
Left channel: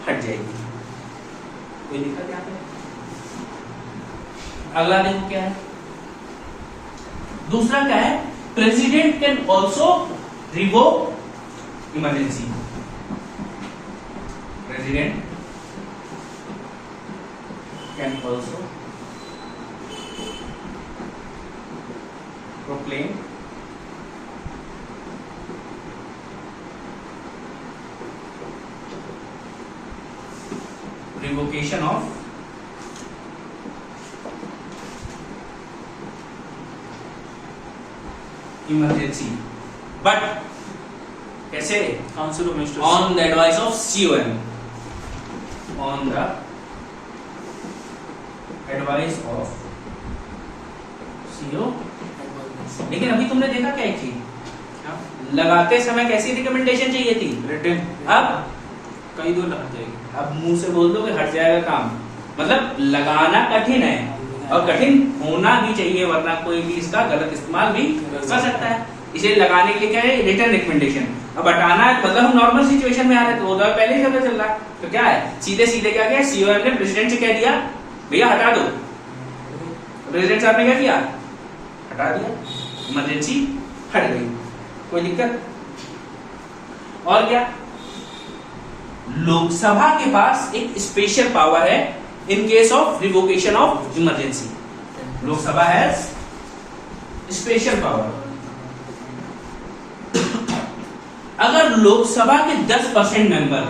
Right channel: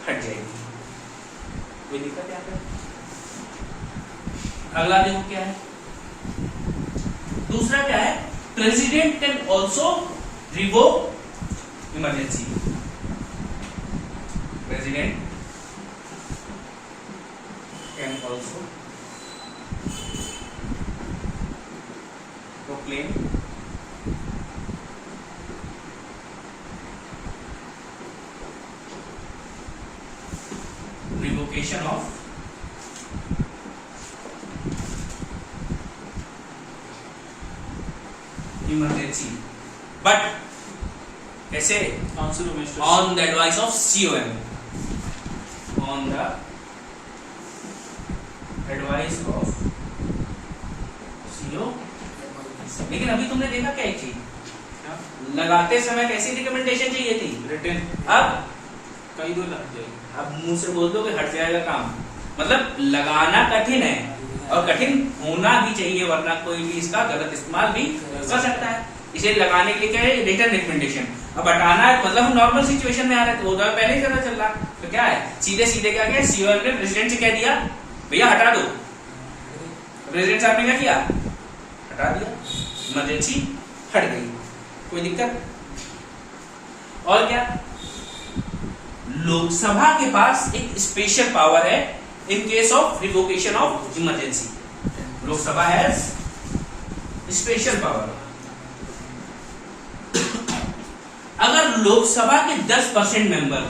हट जाएगी। कोई दिक्कत यहाँ पे? अगला देखो क्या है, दूसरा क्या है, president can also revoke emergency. President can also proclaim revocation of emergency, but कैसे, council of ministers, on the advice of COM, on the advice of CO। लेकिन अभी तुमने देखा क्या चीज, लगाते समय कैसी रिकमेंडेशन चाहिए थी, रिटन। अब कई दूर लग जाएगी, अब मुंह से बोल दो कि हट जाएगा काम। मतलब लगाना कठिन है और कठिन होना भी चाहिए, वरना कोई भी इसका गलत इस्तेमाल भी कर सकता है। इसे लगाने के लिए क्या है, रिटन रिकमेंडेशन। अब हटाना है मतलब हम नॉर्मल सिचुएशन में आ रहे थे, वो तो पहले ही पता चल रहा है, तो क्या है, सीधे सीधे क्या किया, COM ने प्रेसिडेंट से कह दिया भैया हटा दो। प्रेसिडेंट साहब ने क्या किया, हटा दिया, इमरजेंसी हट गई, कोई दिक्कत? और क्या, लोकसभा के पास एक स्पेशल पावर है in case of revocation of emergency. Lok Sabha has special power. अगर लोकसभा के 10% मेंबर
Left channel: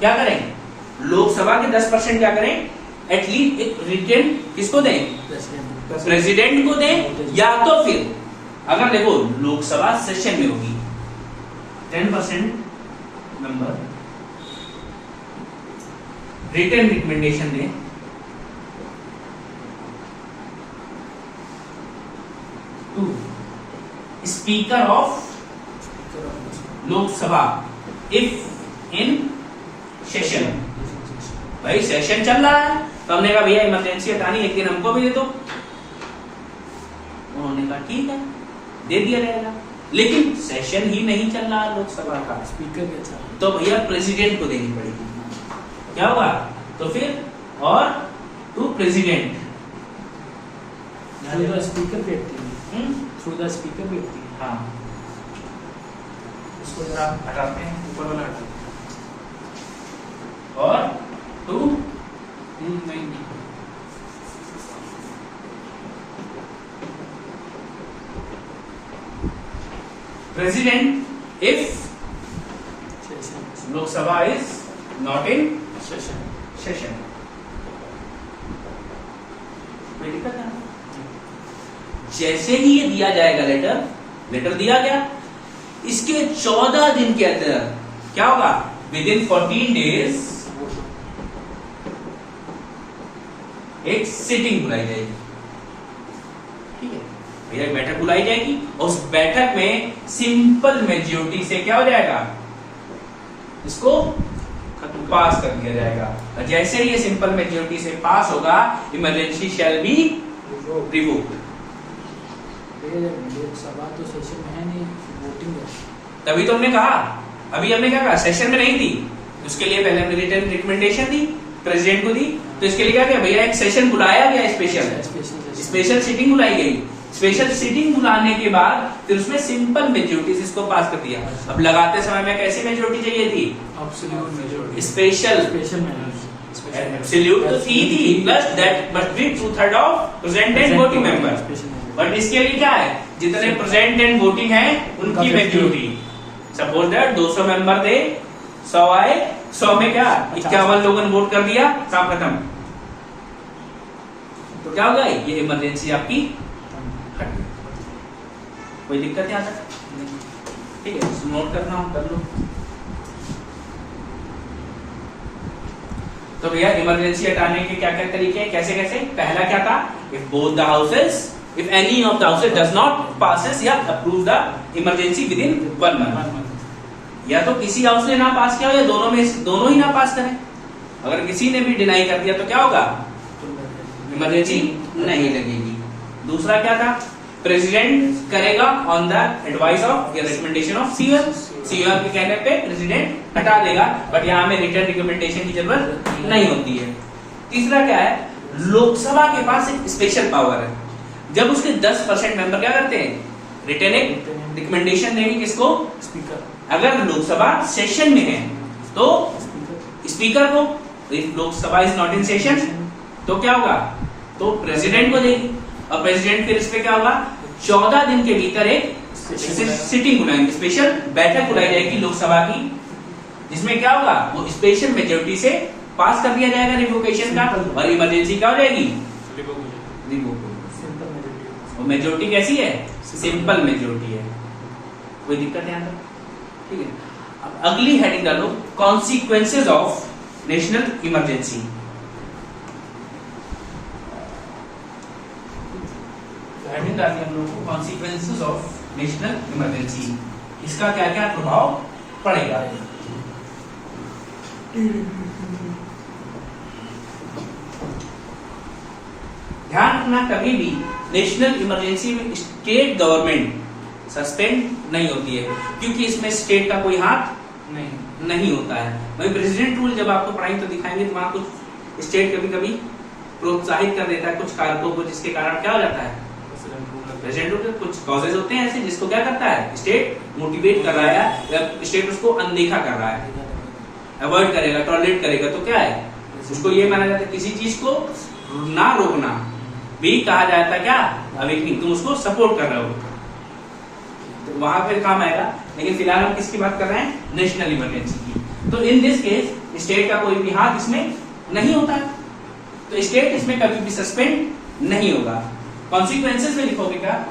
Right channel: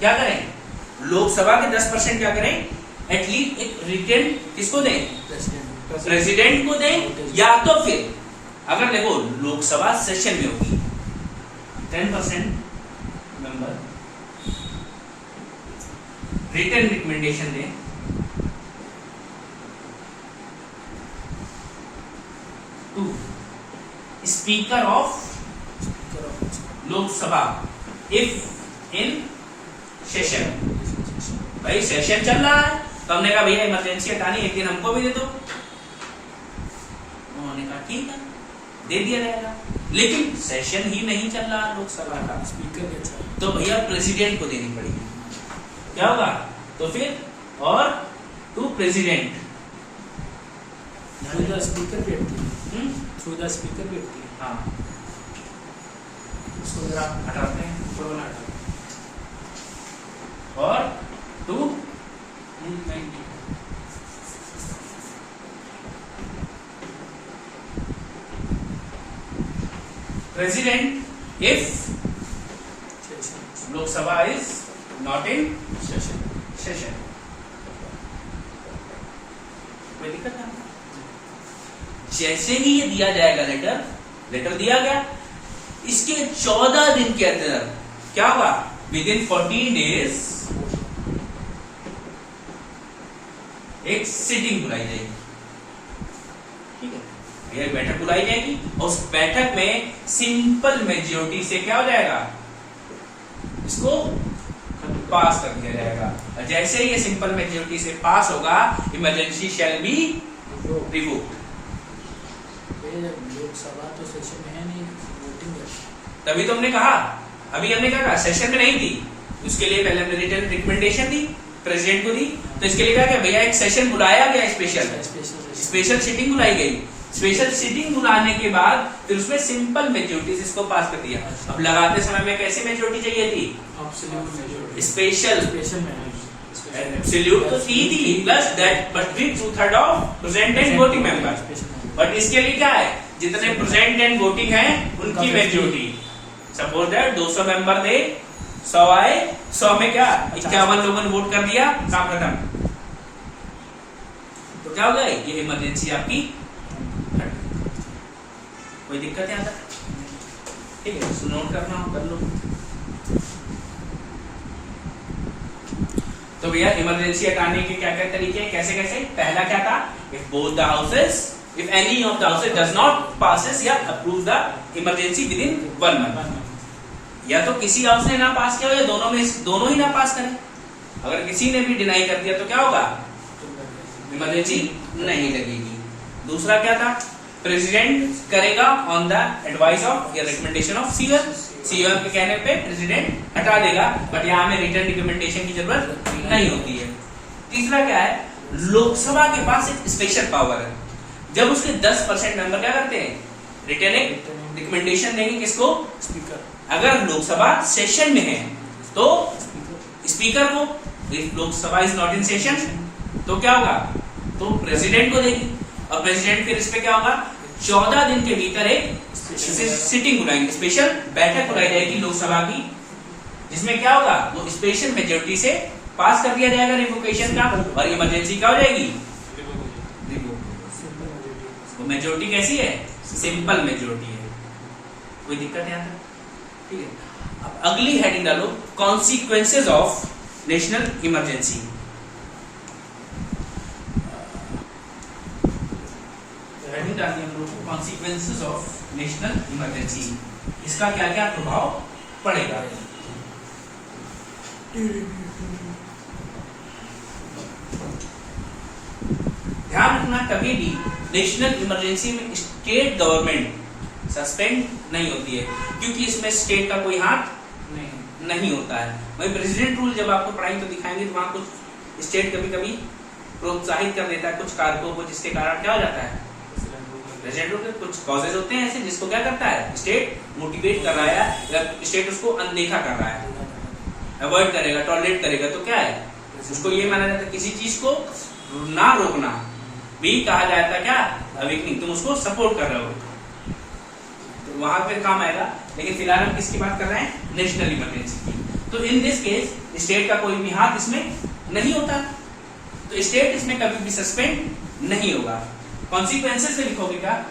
क्या करें, लोकसभा के 10% क्या करें, एटलीस्ट एक रिटर्न किसको दें, प्रेसिडेंट को दें, या तो फिर अगर देखो लोकसभा सेशन में होगी 10% मेंबर रिटर्न रिकमेंडेशन दें, to speaker of Lok Sabha if in session. भाई सेशन चल रहा है, तो हमने कहा भैया इमरजेंसी हटानी है, लेकिन हमको भी दे दो। उन्होंने कहा ठीक है, दे दिया जाएगा, लेकिन सेशन ही नहीं चल रहा लोकसभा का, स्पीकर के अच्छा, तो भैया प्रेसिडेंट को देनी पड़ेगी। क्या हुआ, तो फिर और to president through the speaker बैठती है, थ्रू द स्पीकर बैठती है। हाँ, इसको जरा हटाते हैं ऊपर वाला हटा और 2 नहीं president if session Lok Sabha is not in session session. कोई दिक्कत नहीं। जैसे ही ये दिया जाएगा लेटर दिया गया, इसके 14 दिन के अंदर क्या होगा, विद इन 14 डेज एक सिटिंग बुलाई जाएगी। ठीक है भैया, एक बैठक बुलाई जाएगी और उस बैठक में सिंपल मेजोरिटी से क्या हो जाएगा, इसको पास कर दिया जाएगा। और जैसे ही ये सिंपल मेजोरिटी से पास होगा, इमरजेंसी शैल बी रिवोक्ड। ये लोकसभा तो सेशन में है नहीं, वोटिंग है। तभी तो हमने कहा, अभी हमने क्या कहा, सेशन में नहीं थी, उसके लिए पहले हमने रिटर्न रिकमेंडेशन दी, प्रेसिडेंट को दी। तो इसके लिए क्या किया भैया, एक सेशन बुलाया गया, स्पेशल सिटिंग बुलाई गई। स्पेशल सिटिंग बुलाने के बाद फिर उसमें सिंपल मेजोरिटी इसको पास कर दिया। अब लगाते समय में कैसी मेजोरिटी चाहिए थी, स्पेशल एब्सोल्यूट तो थी plus that but with 2/3 of present and voting member. But इसके लिए क्या है, जितने प्रेजेंट एंड वोटिंग है उनकी मेजोरिटी। सपोज दैट 200 मेंबर थे, 100 आए, 100 में क्या 51 लोगों ने वोट कर दिया, काम खत्म। तो क्या होगा, ये इमरजेंसी आपकी कोई दिक्कत नहीं आता। ठीक है, इसको नोट करना हो कर लो। तो भैया इमरजेंसी हटाने के क्या क्या तरीके हैं, कैसे कैसे। पहला क्या था, if both the houses, if any of the houses does not passes या approve the emergency within 1 month. या तो किसी हाउस ने ना पास किया हो या दोनों ही ना पास करें। अगर किसी ने भी डिनाई कर दिया तो क्या होगा, इमरजेंसी नहीं लगेगी। दूसरा क्या था, प्रेसिडेंट करेगा ऑन द एडवाइस ऑफ या रिकमेंडेशन ऑफ सीएम। सीएम के कहने पे प्रेसिडेंट हटा देगा, बट यहाँ में रिटर्न रिकमेंडेशन की जरूरत नहीं होती है। तीसरा क्या है, लोकसभा के पास एक स्पेशल पावर है। जब उसके 10% मेंबर क्या करते हैं, रिटर्न रिकमेंडेशन देंगे किसको, स्पीकर। अगर लोकसभा सेशन में है तो स्पीकर को। Lok Sabha is not in session तो क्या होगा, तो प्रेसिडेंट को देगी। और प्रेसिडेंट फिर इस पे क्या होगा, 14 दिन के भीतर एक सिटिंग बुलाएंगे, स्पेशल बैठक बुलाई जाएगी लोकसभा की, जिसमें क्या होगा, वो स्पेशल मेजोरिटी से पास कर दिया जाएगा रिवोकेशन का, और इमरजेंसी क्या हो जाएगी, रिवोक। वो मेजोरिटी कैसी है, सिंपल मेजोरिटी है, कोई दिक्कत नहीं आता। ठीक है, अब अगली हेडिंग डालो, consequences of national emergency. Heading डालनी है हम लोगों को, कॉन्सिक्वेंसेज ऑफ नेशनल इमरजेंसी। इसका क्या क्या प्रभाव पड़ेगा। ध्यान रखना, कभी भी नेशनल इमरजेंसी में स्टेट गवर्नमेंट सस्पेंड नहीं होती है, क्योंकि इसमें स्टेट का कोई हाथ नहीं होता है। वही प्रेसिडेंट रूल जब आपको पढ़ाई तो दिखाएंगे, तो वहां कुछ स्टेट कभी कभी प्रोत्साहित कर देता है कुछ कारकों को, जिसके कारण क्या हो जाता है, प्रेसिडेंट रूल के कुछ कॉजेज होते हैं ऐसे जिसको क्या करता है, स्टेट मोटिवेट कर रहा है या स्टेट उसको अनदेखा कर रहा है, अवॉइड करेगा, टॉलरेट करेगा, तो क्या है, उसको ये माना जाता है किसी चीज को ना रोकना भी कहा जाता है क्या, अवेकनिंग, तुम उसको सपोर्ट कर रहे हो, तो वहां पे काम आएगा। लेकिन फिलहाल हम किसकी बात कर रहे हैं, नेशनल इमरजेंसी की। तो इन दिस केस स्टेट का कोई भी हाथ इसमें नहीं होता, तो स्टेट इसमें कभी भी सस्पेंड नहीं होगा। कॉन्सिक्वेंसेस में लिखोगे क्या,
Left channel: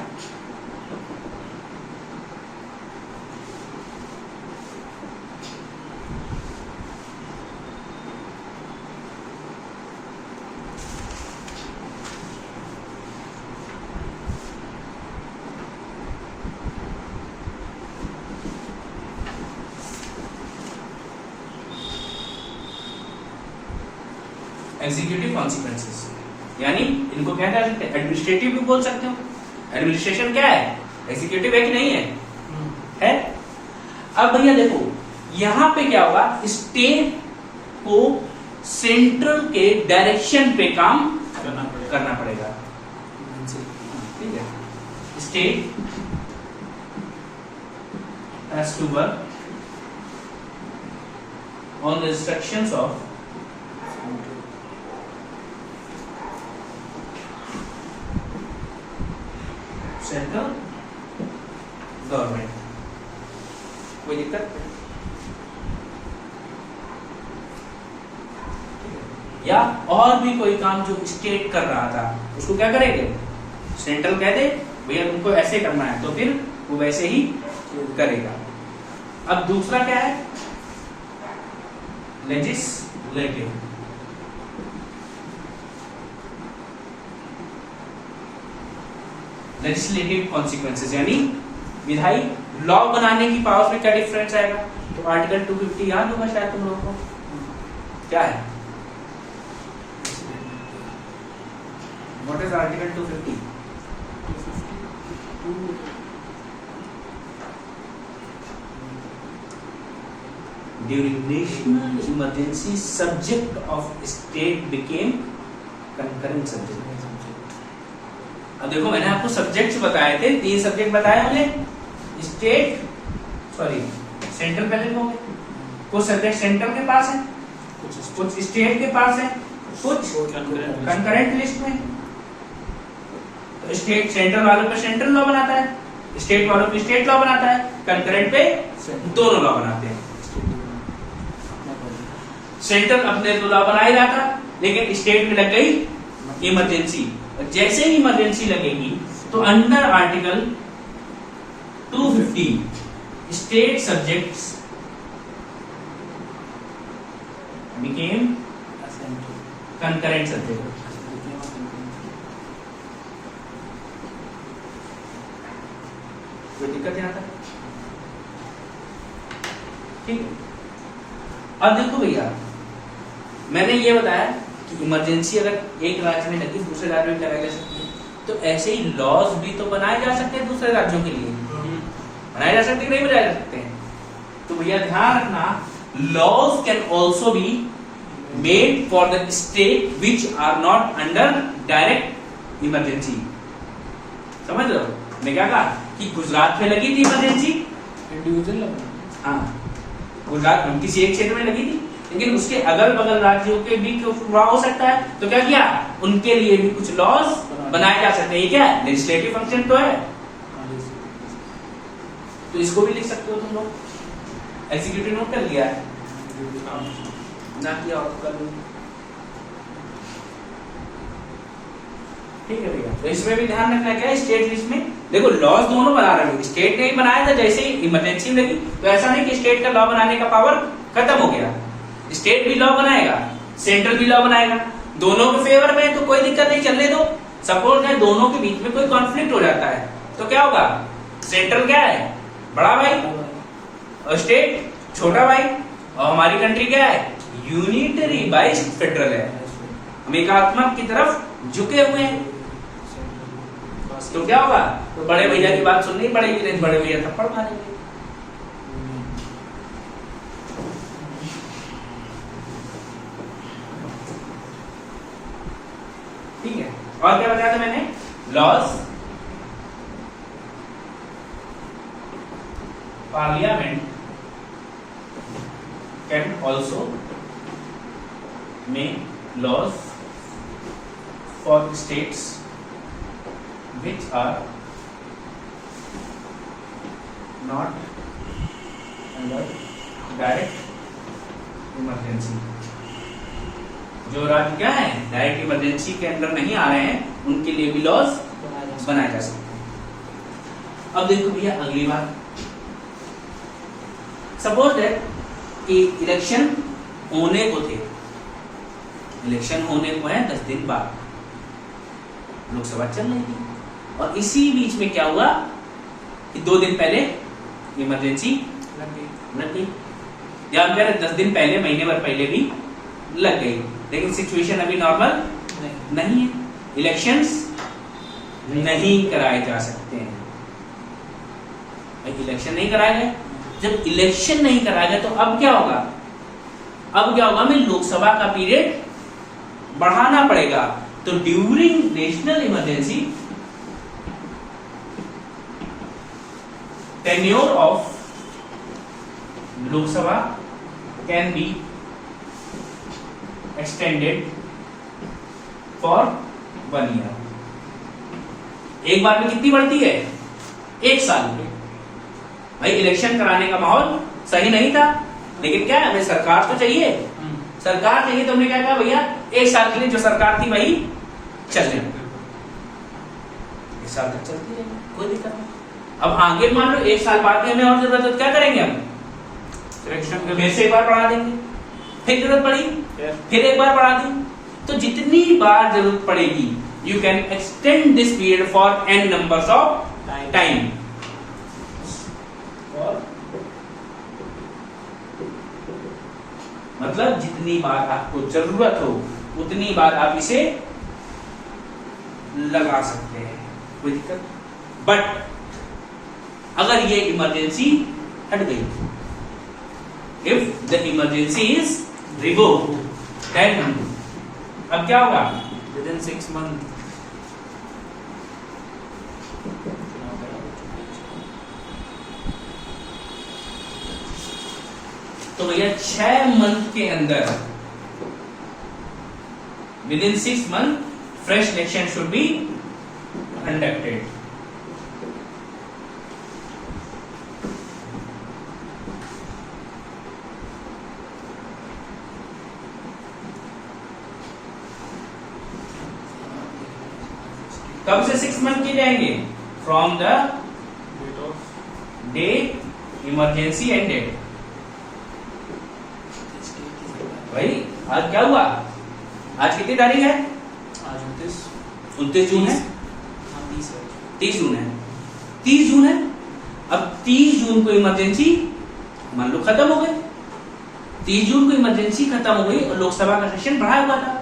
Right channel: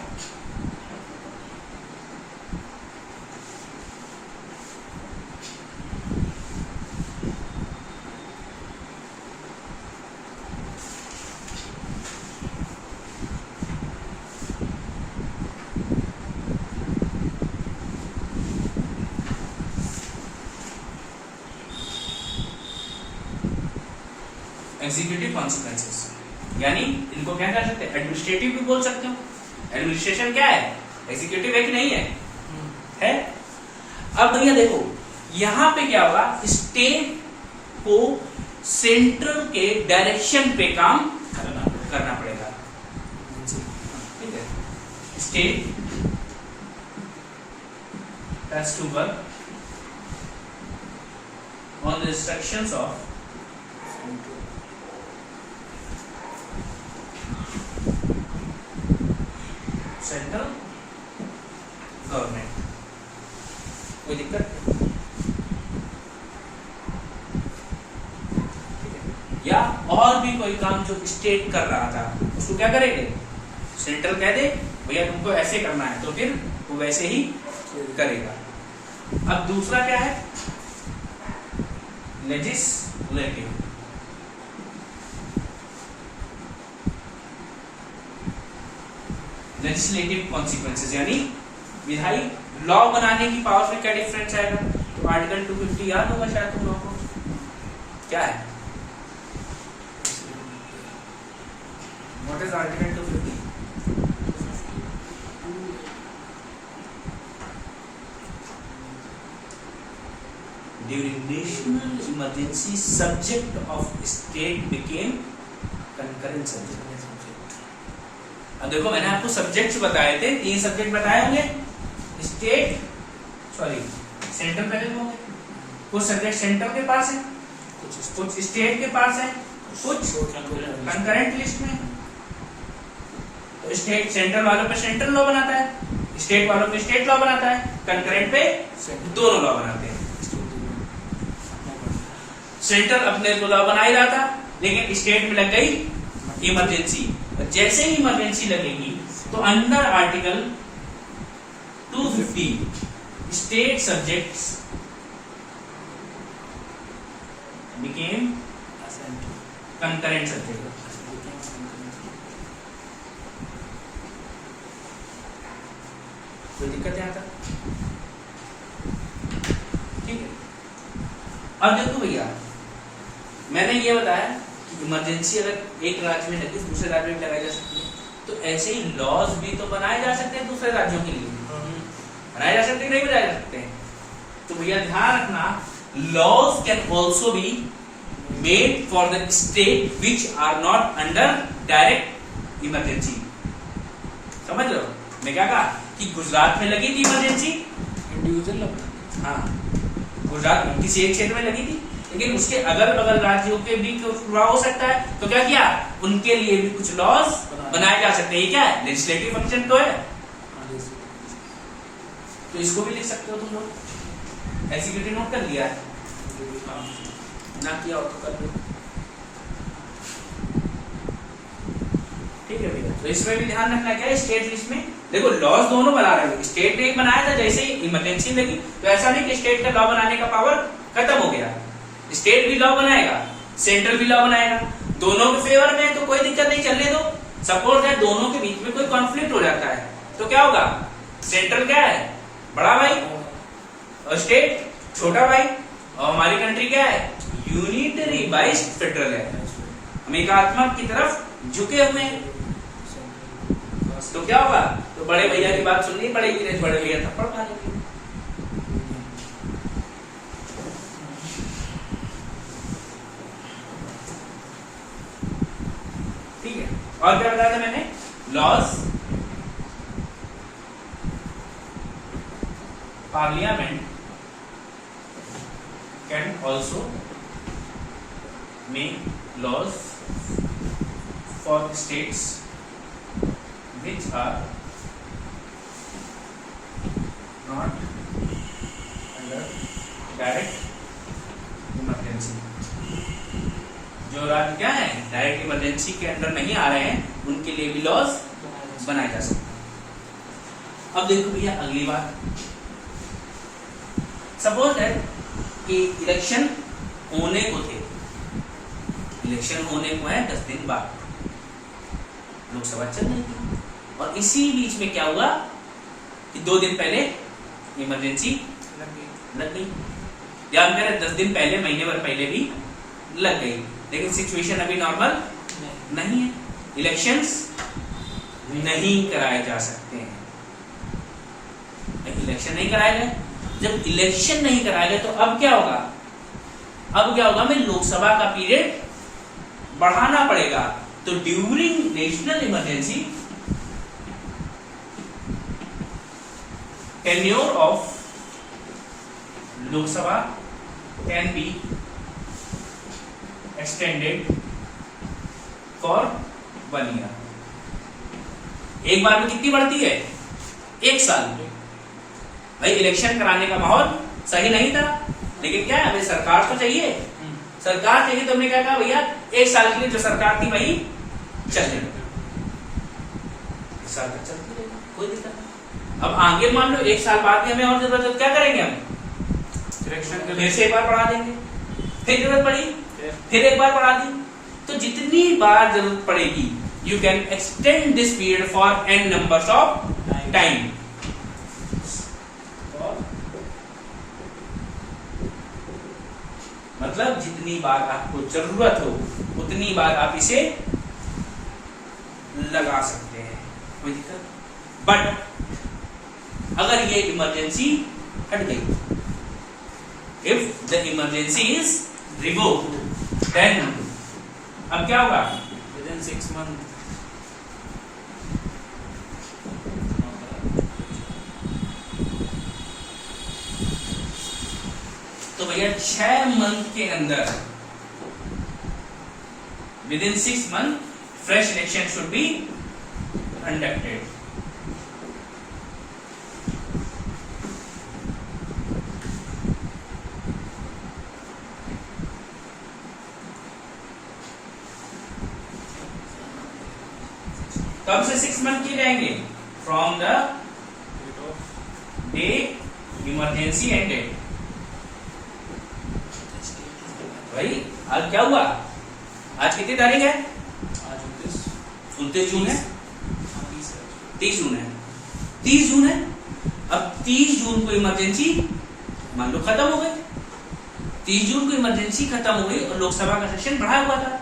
एग्जीक्यूटिव कॉन्सिक्वेंसेस, यानी इनको क्या कह सकते हैं, एडमिनिस्ट्रेटिव भी बोल सकते हो। एडमिनिस्ट्रेशन क्या है, एग्जीक्यूटिव एक नहीं है। अब भैया देखो, यहां पे क्या होगा, स्टेट को सेंट्रल के डायरेक्शन पे काम करना पड़ेगा। ठीक है, state has to work on the instructions of central government. कोई दिक्कत? या और भी कोई काम जो स्टेट कर रहा था उसको क्या करेंगे? सेंट्रल कह दे भैया तुमको ऐसे करना है, तो फिर वो वैसे ही करेगा। अब दूसरा क्या है? लेजिस्लेटिव। लेजिस्लेटिव कॉन्सिक्वेंसेज यानी विधायी लॉ बनाने की पावर में क्या डिफरेंस आएगा? तो आर्टिकल 250 याद होगा शायद तुम लोगों को, क्या है? What is article 250? During national emergency, subject of state became concurrent subject. अब देखो मैंने आपको सब्जेक्ट्स बताए थे, 3 सब्जेक्ट बताए होंगे। स्टेट सॉरी सेंट्रल पहले हो गए, कुछ सब्जेक्ट सेंट्रल के पास है, कुछ स्टेट के पास है, कुछ कंकरेंट लिस्ट में। तो स्टेट सेंट्रल वालों पे सेंट्रल लॉ बनाता है, स्टेट वालों पे स्टेट लॉ बनाता है, कंकरेंट पे दोनों लॉ बनाते हैं। सेंट्रल अपने तो लॉ बनाएगा था, लेकिन स्टेट में लग गई इमरजेंसी। जैसे ही इमरजेंसी लगेगी तो under article 250 state subjects became concurrent subject. कोई दिक्कत है यहां तक? ठीक है। अब देखो भैया मैंने ये बताया कि इमरजेंसी अगर एक राज्य में लगी दूसरे राज्य में लगाई जा सकती है, तो ऐसे ही लॉज भी तो बनाए जा सकते हैं दूसरे राज्यों के लिए। बनाए जा सकते नहीं बनाए जा सकते हैं? तो भैया ध्यान रखना, laws can also be made for the state which are not under direct emergency. समझ रहे हो मैं क्या कहा? कि गुजरात में लगी थी इमरजेंसी, इंडिविजुअल, हाँ गुजरात में किसी एक क्षेत्र में लगी थी, लेकिन उसके अगल बगल राज्यों के भी हुआ हो सकता है, तो क्या किया? उनके लिए भी कुछ लॉज बनाए जा सकते हैं। ये क्या है? लेजिस्लेटिव फंक्शन तो है। तो इसको भी लिख सकते हो तुम लोग। एग्जीक्यूटिव नोट कर लिया है ना? किया हो तो कर लो। ठीक है भैया। तो इसमें भी ध्यान रखना क्या है? स्टेट लिस्ट में देखो लॉज दोनों बना रहे हैं। स्टेट ने ही बनाया था, जैसे ही इमरजेंसी लगी तो ऐसा नहीं कि स्टेट का लॉ बनाने का पावर खत्म हो गया। स्टेट भी लॉ बनाएगा, सेंट्रल भी लॉ बनाएगा, दोनों के फेवर में, तो कोई दिक्कत नहीं, चलने दो। सपोज है दोनों के बीच में कोई कॉन्फ्लिक्ट हो जाता है तो क्या होगा? सेंट्रल क्या है? बड़ा भाई, और स्टेट छोटा भाई, और हमारी कंट्री क्या है? यूनिटरी बाइस फेडरल है। हम एकात्मक की तरफ झुके हुए हैं। तो क्या होगा? तो बड़े भैया की बात सुननी पड़ेगी, नहीं बड़े भैया थप्पड़ मारेंगे। ठीक है। और क्या बताया था मैंने? Laws parliament can also make laws for states which are not under direct emergency। जो राज्य क्या है? डायरेक्ट इमरजेंसी के अंदर नहीं आ रहे हैं, उनके लिए भी लॉज बनाए जा सकते हैं। अब देखो भैया अगली बात, सपोज है कि इलेक्शन होने को थे, इलेक्शन होने को है 10 दिन बाद, लोकसभा चल रही थी, और इसी बीच में क्या हुआ कि 2 दिन पहले इमरजेंसी लग गई, या 10 दिन पहले, महीने भर पहले भी लग गई, लेकिन सिचुएशन अभी नॉर्मल नहीं है, इलेक्शंस नहीं कराए जा सकते हैं। इलेक्शन नहीं कराए गए, जब इलेक्शन नहीं कराए गए तो अब क्या होगा? अब क्या होगा? हमें लोकसभा का पीरियड बढ़ाना पड़ेगा। तो during national emergency tenure of Lok Sabha can be extended for 1 year. एक बार में कितनी बढ़ती है? 1 साल। भाई इलेक्शन कराने का माहौल सही नहीं था, लेकिन क्या है, हमें सरकार तो चाहिए, सरकार चाहिए। तो हमने क्या कहा, भैया 1 साल के लिए जो सरकार थी वही चलने लगी, 1 साल तक चलती है, कोई दिक्कत नहीं। अब आगे मान लो 1 साल बाद भी हमें और जरूरत है, तो क्या करेंगे हम? इलेक्शन फिर से एक बार बढ़ा देंगे, फिर जरूरत पड़ी फिर एक बार बढ़ा दी। तो जितनी बार जरूरत पड़ेगी, you can extend this period for n numbers of time. मतलब जितनी बार आपको जरूरत हो उतनी बार आप इसे लगा सकते हैं, कोई दिक्कत। बट अगर ये इमरजेंसी हट गई, if the emergency is revoked, then अब क्या होगा? Within 6 months. तो भैया 6 मंथ के अंदर, with in 6 month fresh election should be conducted. कब से 6 मंथ किए जाएंगे? From the day emergency ended. भाई आज क्या हुआ? आज कितनी तारीख है? आज 29 जून है, 30 है। 30 जून है, 30 जून है। अब 30 जून को इमरजेंसी मान लो खत्म हो गई, 30 जून को इमरजेंसी खत्म हो गई और लोकसभा का सेशन बढ़ा हुआ था,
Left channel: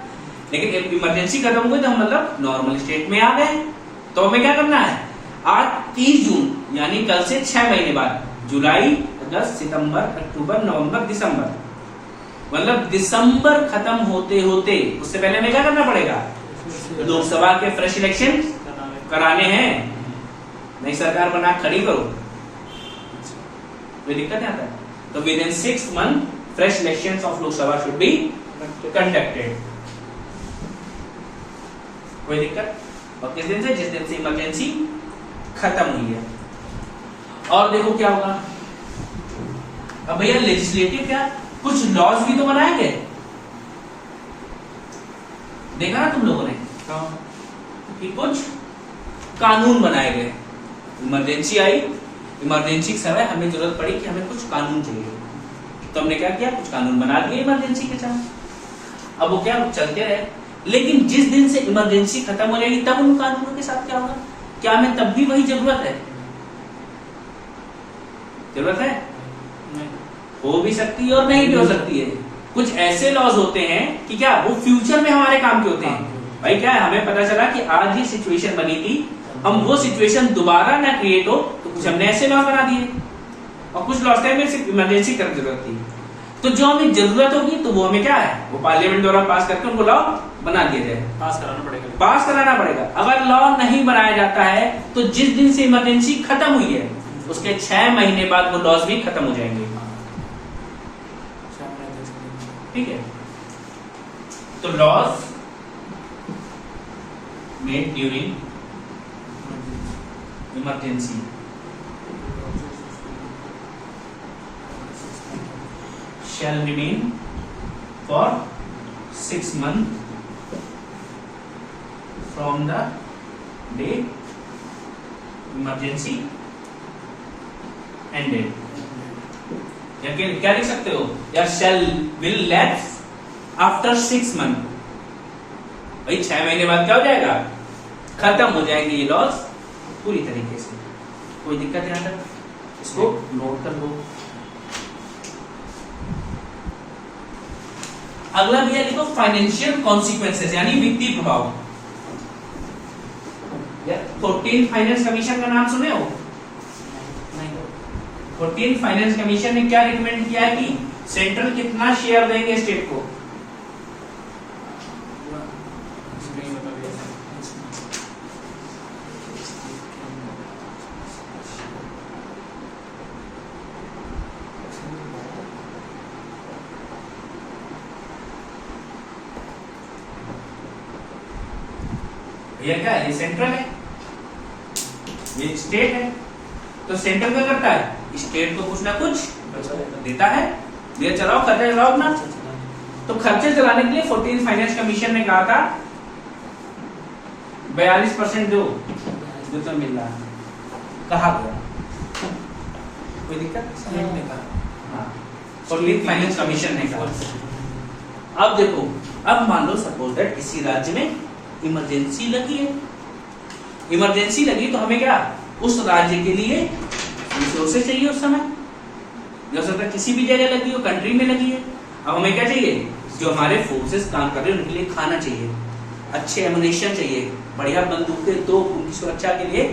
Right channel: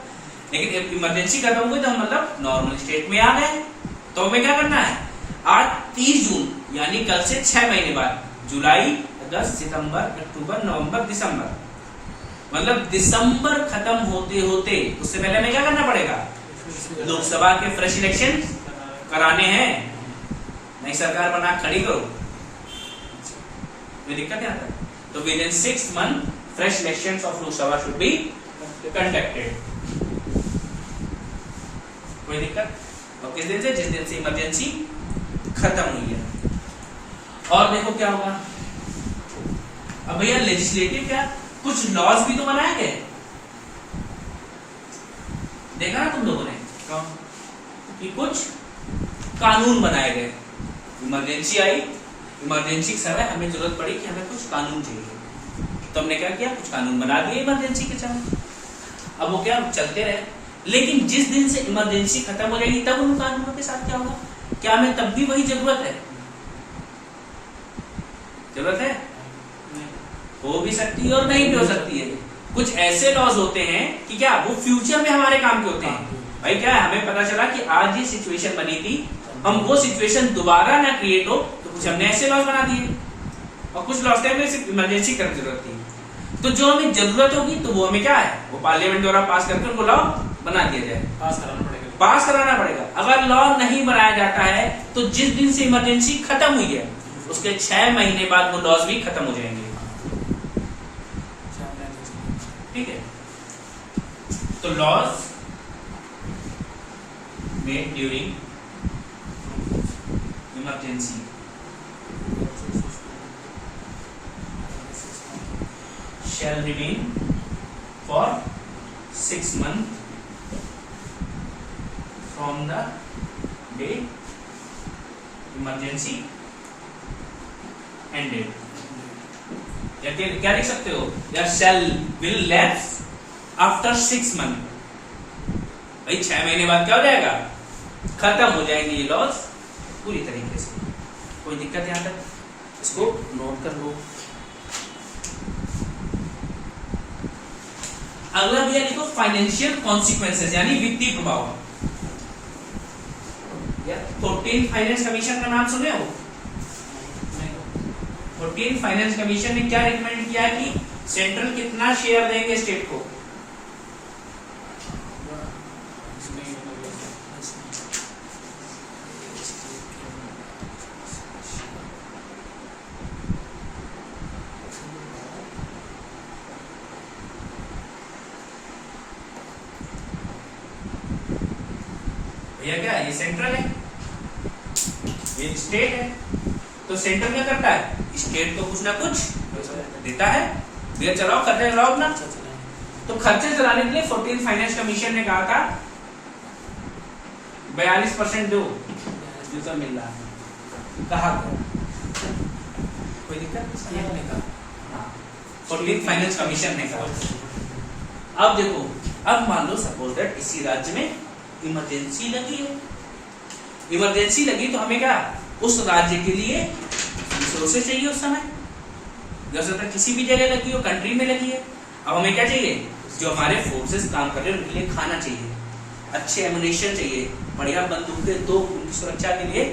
लेकिन इमरजेंसी खत्म हो गई तो हम मतलब नॉर्मल स्टेट में आ गए। तो हमें क्या करना है? आज 30 जून यानी कल से 6 महीने बाद, जुलाई, अगस्त, सितंबर, अक्टूबर, नवंबर, दिसंबर, मतलब दिसंबर खत्म होते होते उससे पहले हमें क्या करना पड़ेगा? लोकसभा के फ्रेश इलेक्शन कराने हैं। नई सरकार बना खड़ी करो, कोई दिक्कत नहीं आता है। तो with in 6 month fresh election of Lok Sabha should be conducted, कोई दिक्कत। और किस दिन से? जिस दिन से इमरजेंसी खत्म हुई है। और देखो क्या होगा अब भैया, लेजिस्लेटिव क्या, कुछ लॉज भी तो बनाए गए, देखा ना तुम लोगों ने कि कुछ कानून बनाए गए। इमरजेंसी आई, इमरजेंसी के समय हमें जरूरत पड़ी कि हमें कुछ कानून चाहिए, तो हमने क्या किया? कुछ कानून बना दिए इमरजेंसी के समय। अब वो क्या चलते रहे, लेकिन जिस दिन से इमरजेंसी खत्म हो जाएगी तब उन कानूनों के साथ क्या होगा? क्या हमें तब भी वही जरूरत है? जरूरत है, हो भी सकती है और नहीं भी हो सकती है। कुछ ऐसे लॉज होते हैं कि क्या वो फ्यूचर में हमारे काम के होते हैं। भाई क्या है, हमें पता चला कि आज ये सिचुएशन बनी थी, हम वो सिचुएशन दोबारा ना क्रिएट हो तो कुछ हमने ऐसे लॉज बना दिए, और कुछ लॉज हमें सिर्फ इमरजेंसी करने की जरूरत थी। तो जो हमें जरूरत होगी तो वो हमें क्या है, वो पार्लियामेंट द्वारा पास करके उनको लॉ बना दिया जाए, पास कराना पड़ेगा। पास कराना पड़ेगा। अगर लॉ नहीं बनाया जाता है तो जिस दिन से इमरजेंसी खत्म हुई है उसके 6 महीने बाद वो लॉज भी खत्म हो जाएंगे, ठीक है। तो laws made during emergency shall remain for 6 months from the day emergency ended। या क्या लिख सकते हो? या shall will lapse after 6 months। भाई 6 महीने बाद क्या हो जाएगा? खत्म हो जाएंगे ये लॉस पूरी तरीके से, कोई दिक्कत यहाँ तक। इसको नोट कर लो। अगला भैया लिखो फाइनेंशियल कॉन्सिक्वेंसेस, यानी वित्तीय प्रभाव। 14 फाइनेंस कमीशन का नाम सुने हो? 14 फाइनेंस कमीशन ने क्या रिकमेंड किया है कि सेंट्रल कितना शेयर देंगे स्टेट को? भैया क्या है, ये सेंट्रल है, ये स्टेट है। तो सेंट्रल क्या करता है, स्टेट को कुछ ना कुछ देता है, भैया चलाओ खर्चे चलाओ अपना। तो खर्चे चलाने के लिए 14 फाइनेंस कमीशन ने कहा था 42% दो, जो तो मिल रहा है, कहा गया, कोई दिक्कत ने कहा। हाँ, 14 फाइनेंस कमीशन ने कहा। अब देखो, अब मान लो सपोज दैट इसी राज्य में इमरजेंसी लगी है, इमरजेंसी लगी तो हमें क्या, उस राज्य के लिए रिसोर्सेज चाहिए। उस समय हो सकता है किसी भी जगह लगी हो, कंट्री में लगी है। अब हमें क्या चाहिए, जो हमारे फोर्सेस काम कर रहे हैं उनके लिए खाना चाहिए, अच्छे एमुनेशन चाहिए, बढ़िया बंदूकें, तो उनकी सुरक्षा के लिए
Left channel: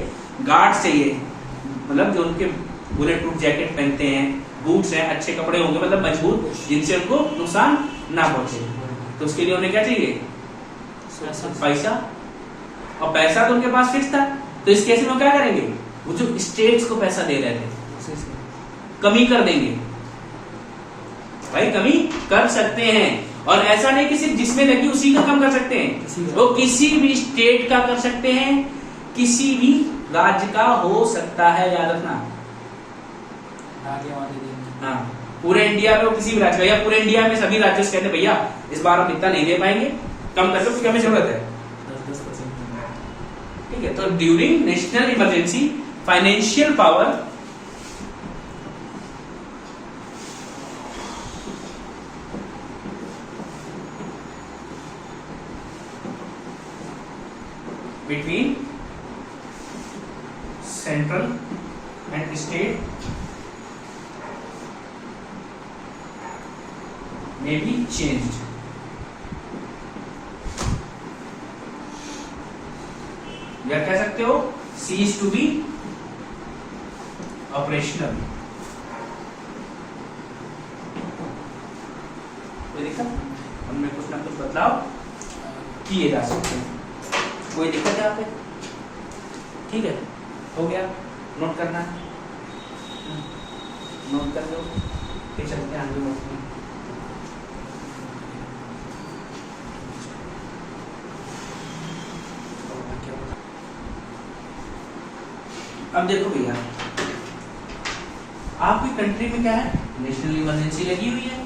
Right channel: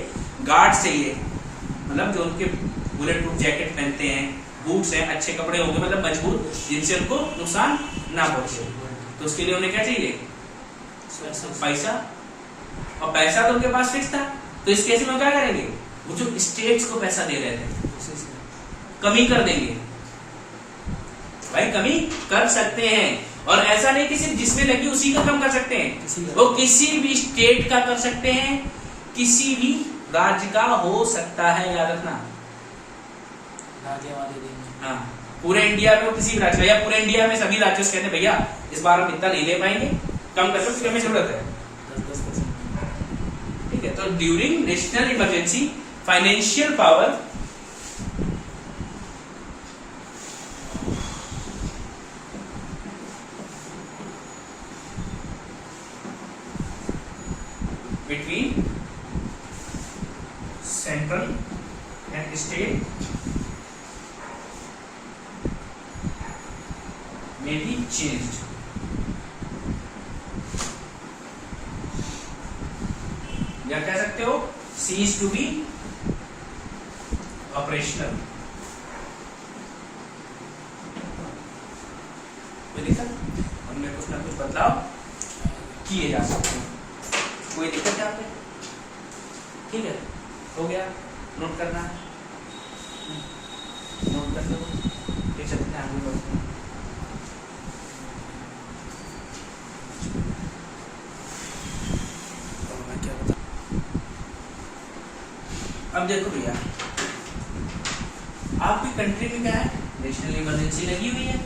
गार्ड्स चाहिए, मतलब जो उनके बुलेट प्रूफ जैकेट पहनते हैं, बूट्स हैं, अच्छे कपड़े होंगे, मतलब मजबूत, जिनसे उनको नुकसान ना पहुंचे। तो उसके लिए उन्हें क्या चाहिए, पैसा। और पैसा तो उनके पास फिक्स था, तो इस केस में क्या करेंगे, वो जो स्टेट्स को पैसा दे रहे थे कमी कर देंगे। भाई कमी कर सकते हैं, और ऐसा नहीं कि सिर्फ जिसमें लगी उसी को कम कर सकते हैं, वो किसी भी स्टेट का कर सकते हैं, किसी भी राज्य का हो सकता है, याद रखना। हाँ, पूरे इंडिया में वो किसी भी राज्य का, या पूरे इंडिया में सभी राज्यों से कहते हैं भैया इस बार हम इतना नहीं दे पाएंगे, कम कर लो, हमें जरूरत है 10%। ठीक है, तो during national emergency financial power between central and state may be changed। या कह सकते हो cease to be operational। ये देखा, उनमें कुछ ना कुछ बदलाव किए जा सकते हैं। कोई दिक्कत है यहाँ पे, ठीक है, हो गया, नोट करना, नोट कर दो, फिर चलते हैं आगे बढ़ते हैं। अब देखो भैया, आपकी कंट्री में क्या है, नेशनल इमरजेंसी लगी हुई है,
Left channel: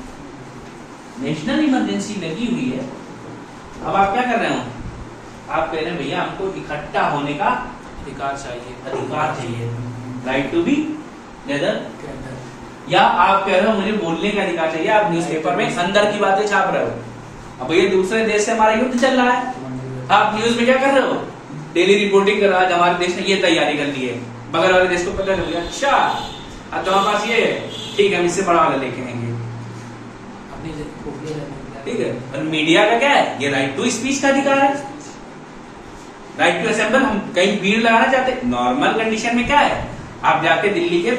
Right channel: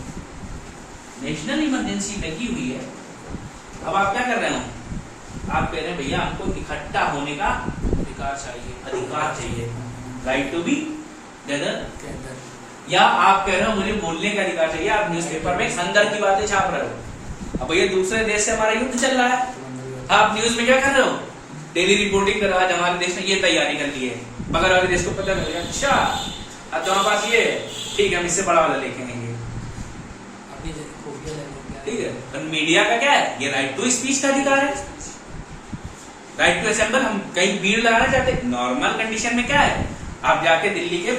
नेशनल इमरजेंसी लगी हुई है। अब आप क्या कर रहे हो, आप कह रहे हैं भैया हमको इकट्ठा होने का अधिकार चाहिए, अधिकार चाहिए, राइट टू बी गैदर। या आप कह रहे हो मुझे बोलने का अधिकार चाहिए, आप न्यूज़पेपर में अंदर की बातें छाप रहे हो। अब भैया दूसरे देश से हमारा युद्ध चल रहा है, आप न्यूज में क्या कर रहे हो, डेली रिपोर्टिंग कर रहा है, हमारे देश ने ये तैयारी कर ली है, बगल वाले देश को पता चल गया, अच्छा अब तुम्हारे पास ये ठीक है, हम इससे बड़ा वाला लेके आएंगे। ठीक है, और मीडिया का क्या है, ये राइट टू स्पीच का अधिकार है, राइट टू असेंबल। हम कहीं भीड़ लगाना चाहते हैं, नॉर्मल कंडीशन में क्या है, आप जाके दिल्ली के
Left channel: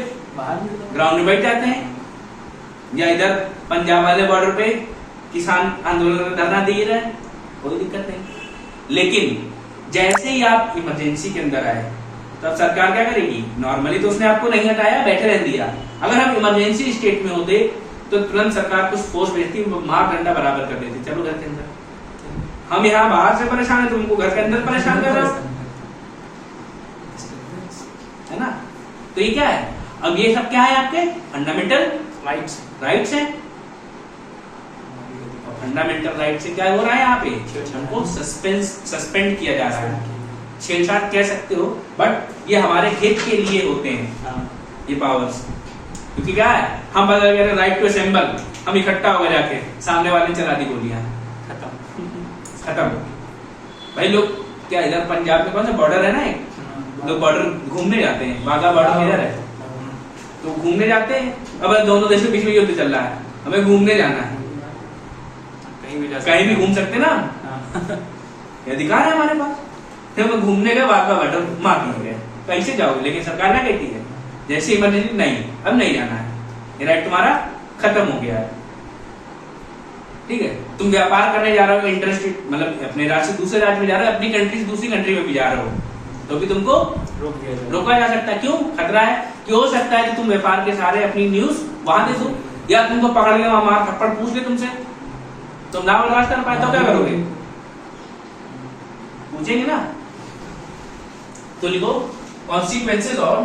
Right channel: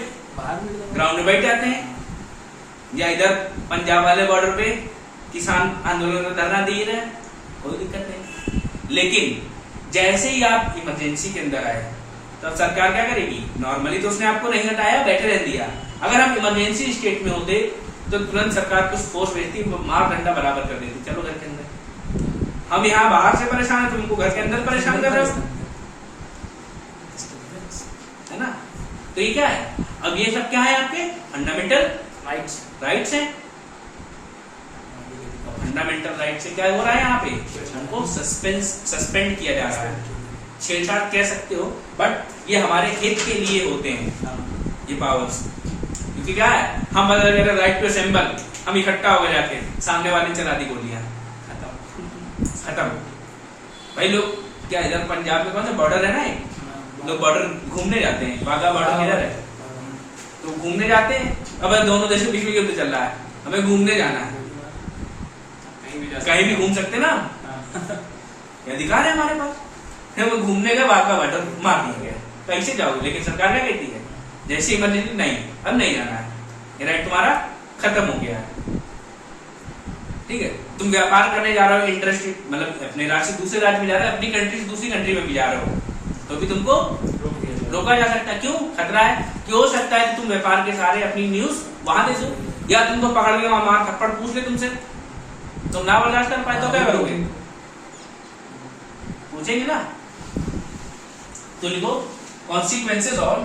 ग्राउंड में बैठ जाते हैं, या इधर पंजाब वाले बॉर्डर पे किसान आंदोलन का धरना दे रहे हैं, कोई दिक्कत नहीं। लेकिन जैसे ही आप इमरजेंसी के अंदर आए तो अब सरकार क्या करेगी, नॉर्मली तो उसने आपको नहीं हटाया, बैठे रहने दिया। अगर हम इमरजेंसी स्टेट में होते तो तुरंत सरकार कुछ फोर्स भेजती, मार डंडा बराबर कर देती, चलो घर के अंदर। हम यहाँ बाहर से परेशान है, तुमको घर के अंदर परेशान कर रहे हो, है ना। तो ये क्या है, अब ये सब क्या है, आपके फंडामेंटल राइट्स हैं। और फंडामेंटल राइट से क्या हो रहा है, यहाँ पे हमको सस्पेंड किया जा रहा है। छेड़छाड़ कह सकते हो, बट ये हमारे हित के लिए होते हैं ये पावर्स। क्योंकि क्या है, हम अगर राइट टू असेंबल, हम इकट्ठा हो गए जाके, सामने वाले ने चला दी गोलियां, खत्म। भाई लोग क्या, इधर पंजाब में कौन सा बॉर्डर है ना, लोग बॉर्डर घूमने जाते हैं, वाघा बॉर्डर किधर है, तो घूमने जाते हैं। अब दोनों देशों के बीच में युद्ध चल रहा है, हमें घूमने जाना है, कहीं भी घूम सकते ना, अधिकार है हमारे पास, हम घूमने का वाघा बॉर्डर मार दिया गया, कैसे जाओगे। लेकिन सरकार क्या कहती है, जैसे इमरजेंसी नहीं, अब नहीं जाना है, ये राइट तुम्हारा खत्म हो गया है। ठीक है, तुम व्यापार करने जा रहे हो इंटरस्टेट, मतलब अपने राज्य से दूसरे राज्य में जा रहे हो, अपनी कंट्री से दूसरी कंट्री में भी जा रहे हो, तो भी तुमको रोका जा सकता है। क्यों खतरा है, क्यों हो सकता है कि तुम व्यापार के सारे अपनी न्यूज वहां दे दो, या तुमको पकड़ के वहां मार थप्पड़ पूछ ले तुमसे, तुम ना बर्दाश्त कर पाए तो क्या करोगे, पूछेंगे ना। तो लिखो कॉन्सिक्वेंसेज ऑफ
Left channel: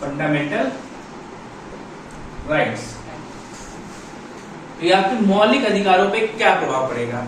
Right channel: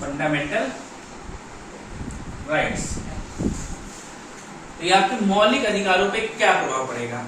फंडामेंटल राइट्स, ये आपके मौलिक अधिकारों पे क्या प्रभाव पड़ेगा।